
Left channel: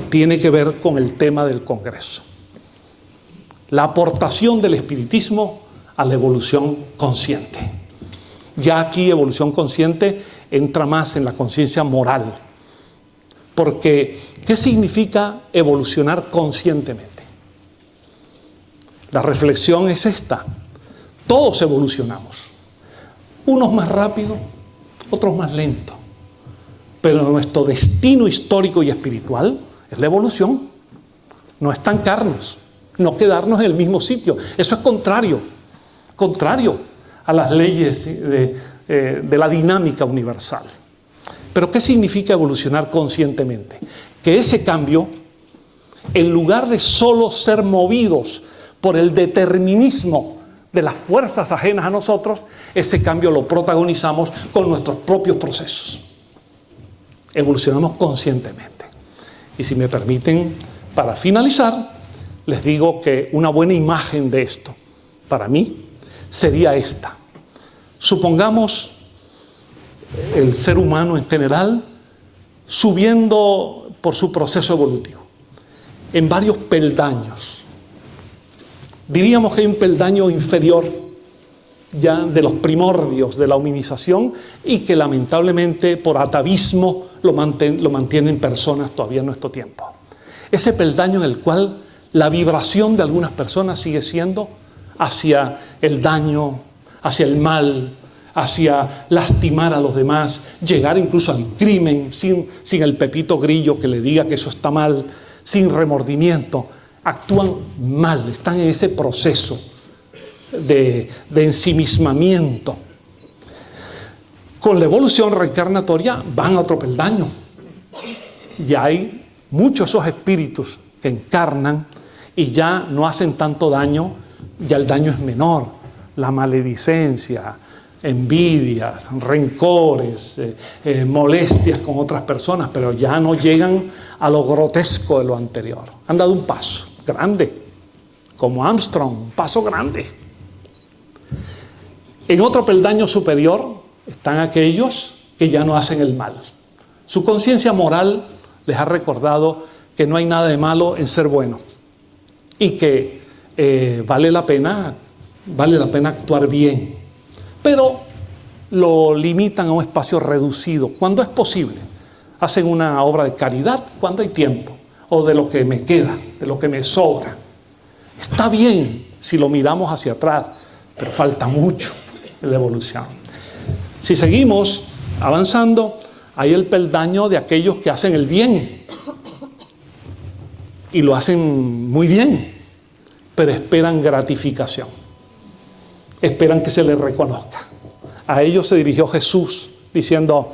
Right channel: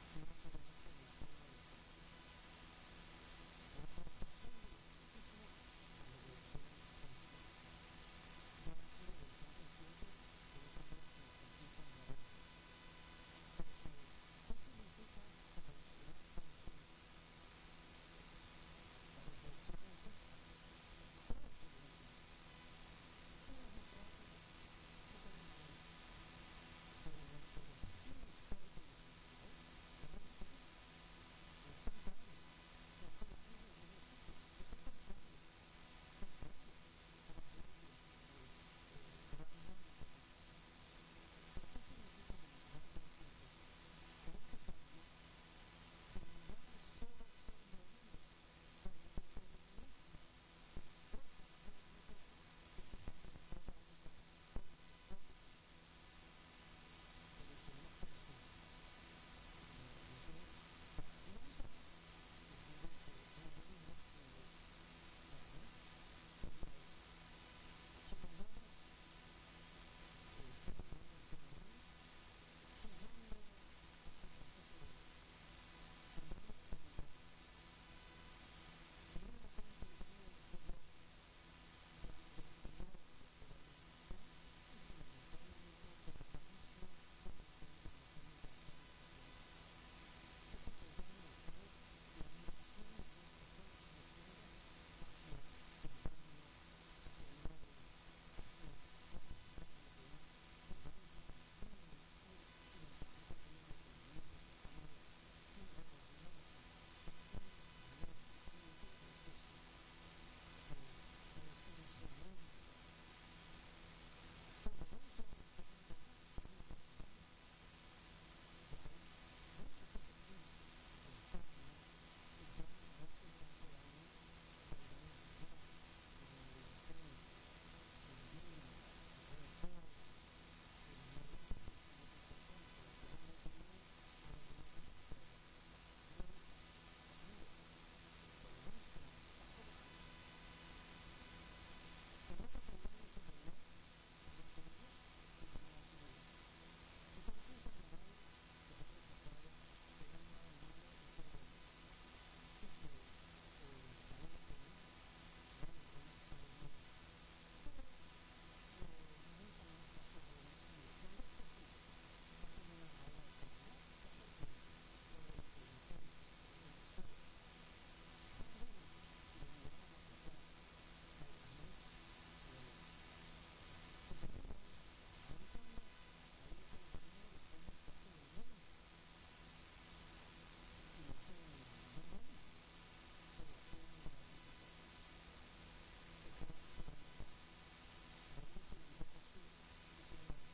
tiene que ver con el tema del Congreso. La aportación del espiritismo a la evolución consciente. Ya aquí evolución consciente entra más en la conciencia moral. Porque, ¿qué significa evolucionar conscientemente? La reflexión es esta. Todos evolucionamos. Unos más rápido, otros más lento. Pero nuestro destino histórico y espiritual es la evolución. no estancarnos, no quedarnos en el mismo sitio. Eso es contrario a las leyes de la dinámica universal. Pero ¿qué significa evolucionar conscientemente? Que ese cambio, en lugar de solo ser movidos por el determinismo de las fuerzas ajenas a nosotros, ese cambio lo protagonizamos con nuestros propios procesos. Evolucionamos conscientemente. Y si me permiten, para finalizar, les digo que una buena imagen de esto, para mí, sería esta. Supongamos el ser humano en general subiendo por su proceso evolutivo en varios peldaños. Diríamos que hay un peldaño inferior ya de los primordios de la hominización y que lamentablemente por atavismo lo mantienen personas todavía en nuestro tiempo. Ese peldaño en el cual la vibración de algunas personas sigue siendo hacia el daño, hacia el mal, hacia lastimar a los demás, llegar incluso al crimen sin el pepito grillo que le diga que eso está mal, sin remordimiento. Actúan mal, están en ese proceso de ensimismamiento. Con la evolución reencarnatoria van a otro peldaño. Ya hay muchos esos espíritus que encarnan y ya no hacen tanto daño, ya el daño es menor. La maledicencia, envidias, rencores, molestias con otras personas, pero ya no llegan a lo grotesco de lo anterior. Han dado un paso grande, como Armstrong, un paso grande. En otro peldaño superior están aquellos que ya no hacen el mal. Su conciencia moral les ha recordado que no hay nada de malo en ser bueno y que vale la pena actuar bien, pero lo limitan a un espacio reducido cuando es posible. Hacen una obra de caridad cuando hay tiempo, o de lo que me queda, de lo que me sobra. Está bien si lo miramos hacia atrás, pero falta mucho en la evolución. Si seguimos avanzando, hay el peldaño de aquellos que hacen el bien y lo hacen muy bien, pero esperan gratificación, esperan que se les reconozca. A ellos se dirigió Jesús diciendo:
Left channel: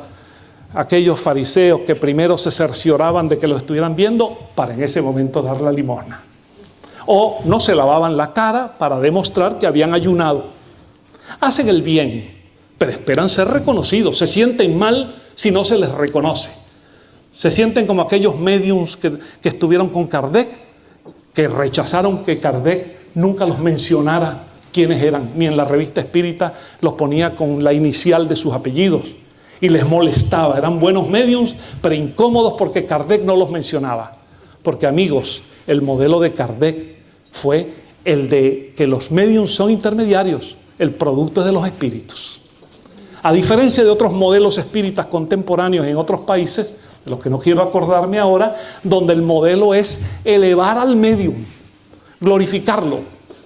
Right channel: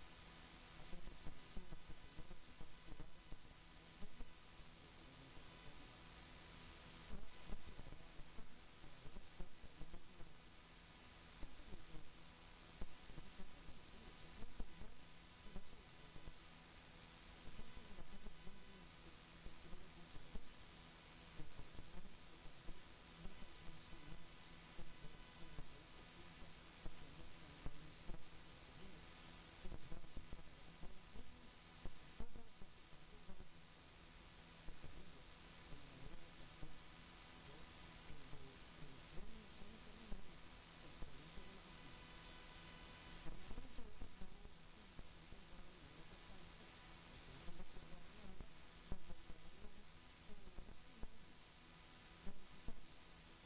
aquellos fariseos que primero se cercioraban de que los estuvieran viendo para en ese momento dar la limosna, o no se lavaban la cara para demostrar que habían ayunado. Hacen el bien, pero esperan ser reconocidos. Se sienten mal si no se les reconoce. Se sienten como aquellos médiums que estuvieron con Kardec, que rechazaron que Kardec nunca los mencionara quiénes eran, ni en la revista espírita los ponía con la inicial de sus apellidos, y les molestaba. Eran buenos médiums, pero incómodos porque Kardec no los mencionaba. Porque, amigos, el modelo de Kardec fue el de que los médiums son intermediarios, el producto es de los espíritus. A diferencia de otros modelos espíritas contemporáneos en otros países, de los que no quiero acordarme ahora, donde el modelo es elevar al médium, glorificarlo,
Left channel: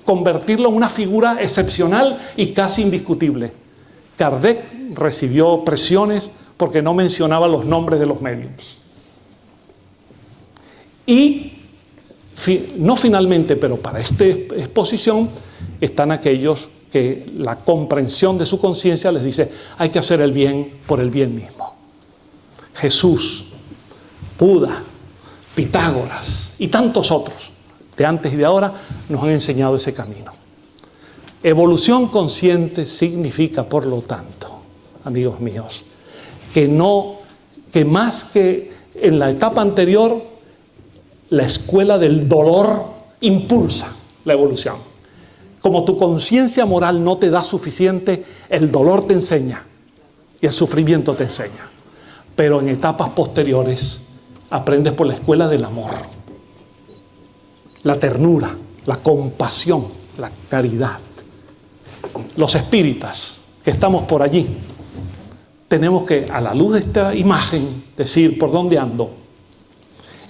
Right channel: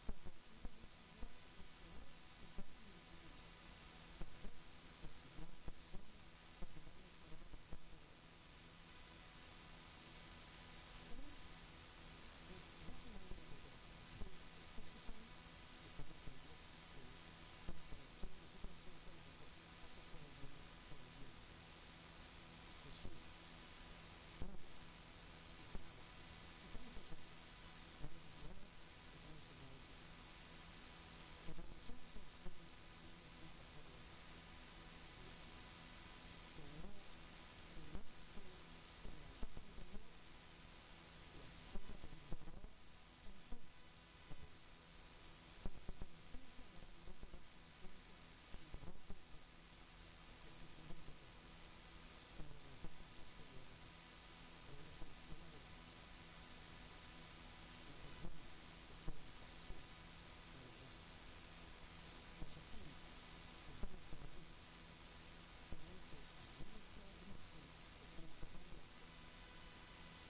convertirlo en una figura excepcional y casi indiscutible. Kardec recibió presiones porque no mencionaba los nombres de los médiums. Y no finalmente, pero para esta exposición, están aquellos que la comprensión de su conciencia les dice: hay que hacer el bien por el bien mismo. Jesús, Buda, Pitágoras y tantos otros de antes y de ahora nos han enseñado ese camino. Evolución consciente significa, por lo tanto, amigos míos, que más que en la etapa anterior, la escuela del dolor impulsa la evolución. Como tu conciencia moral no te da suficiente, el dolor te enseña y el sufrimiento te enseña. Pero en etapas posteriores aprendes por la escuela del amor, la ternura, la compasión, la caridad. Los espíritas que estamos por allí tenemos que, a la luz de esta imagen, decir: ¿por dónde ando?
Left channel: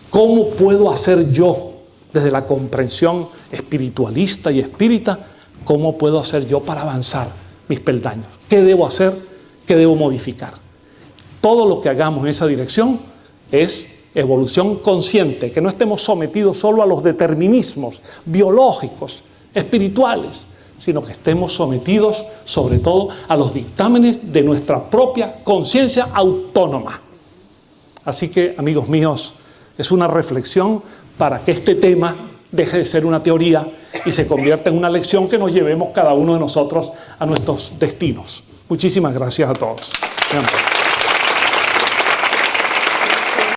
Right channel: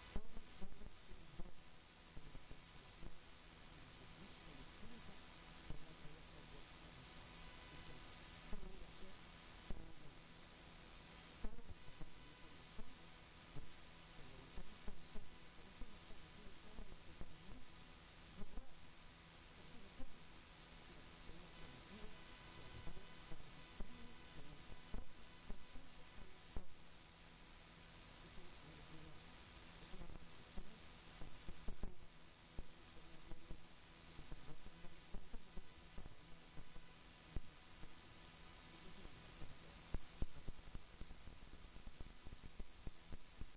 ¿Cómo puedo hacer yo, desde la comprensión espiritualista y espírita, cómo puedo hacer yo para avanzar mis peldaños? ¿Qué debo hacer? ¿Qué debo modificar? Todo lo que hagamos en esa dirección es evolución consciente, que no estemos sometidos solo a los determinismos biológicos, espirituales, sino que estemos sometidos sobre todo a los dictámenes de nuestra propia conciencia autónoma. Así que, amigos míos, es una reflexión para que este tema deje de ser una teoría y se convierta en una lección que nos llevemos cada uno de nosotros a nuestros destinos. Muchísimas gracias a todos.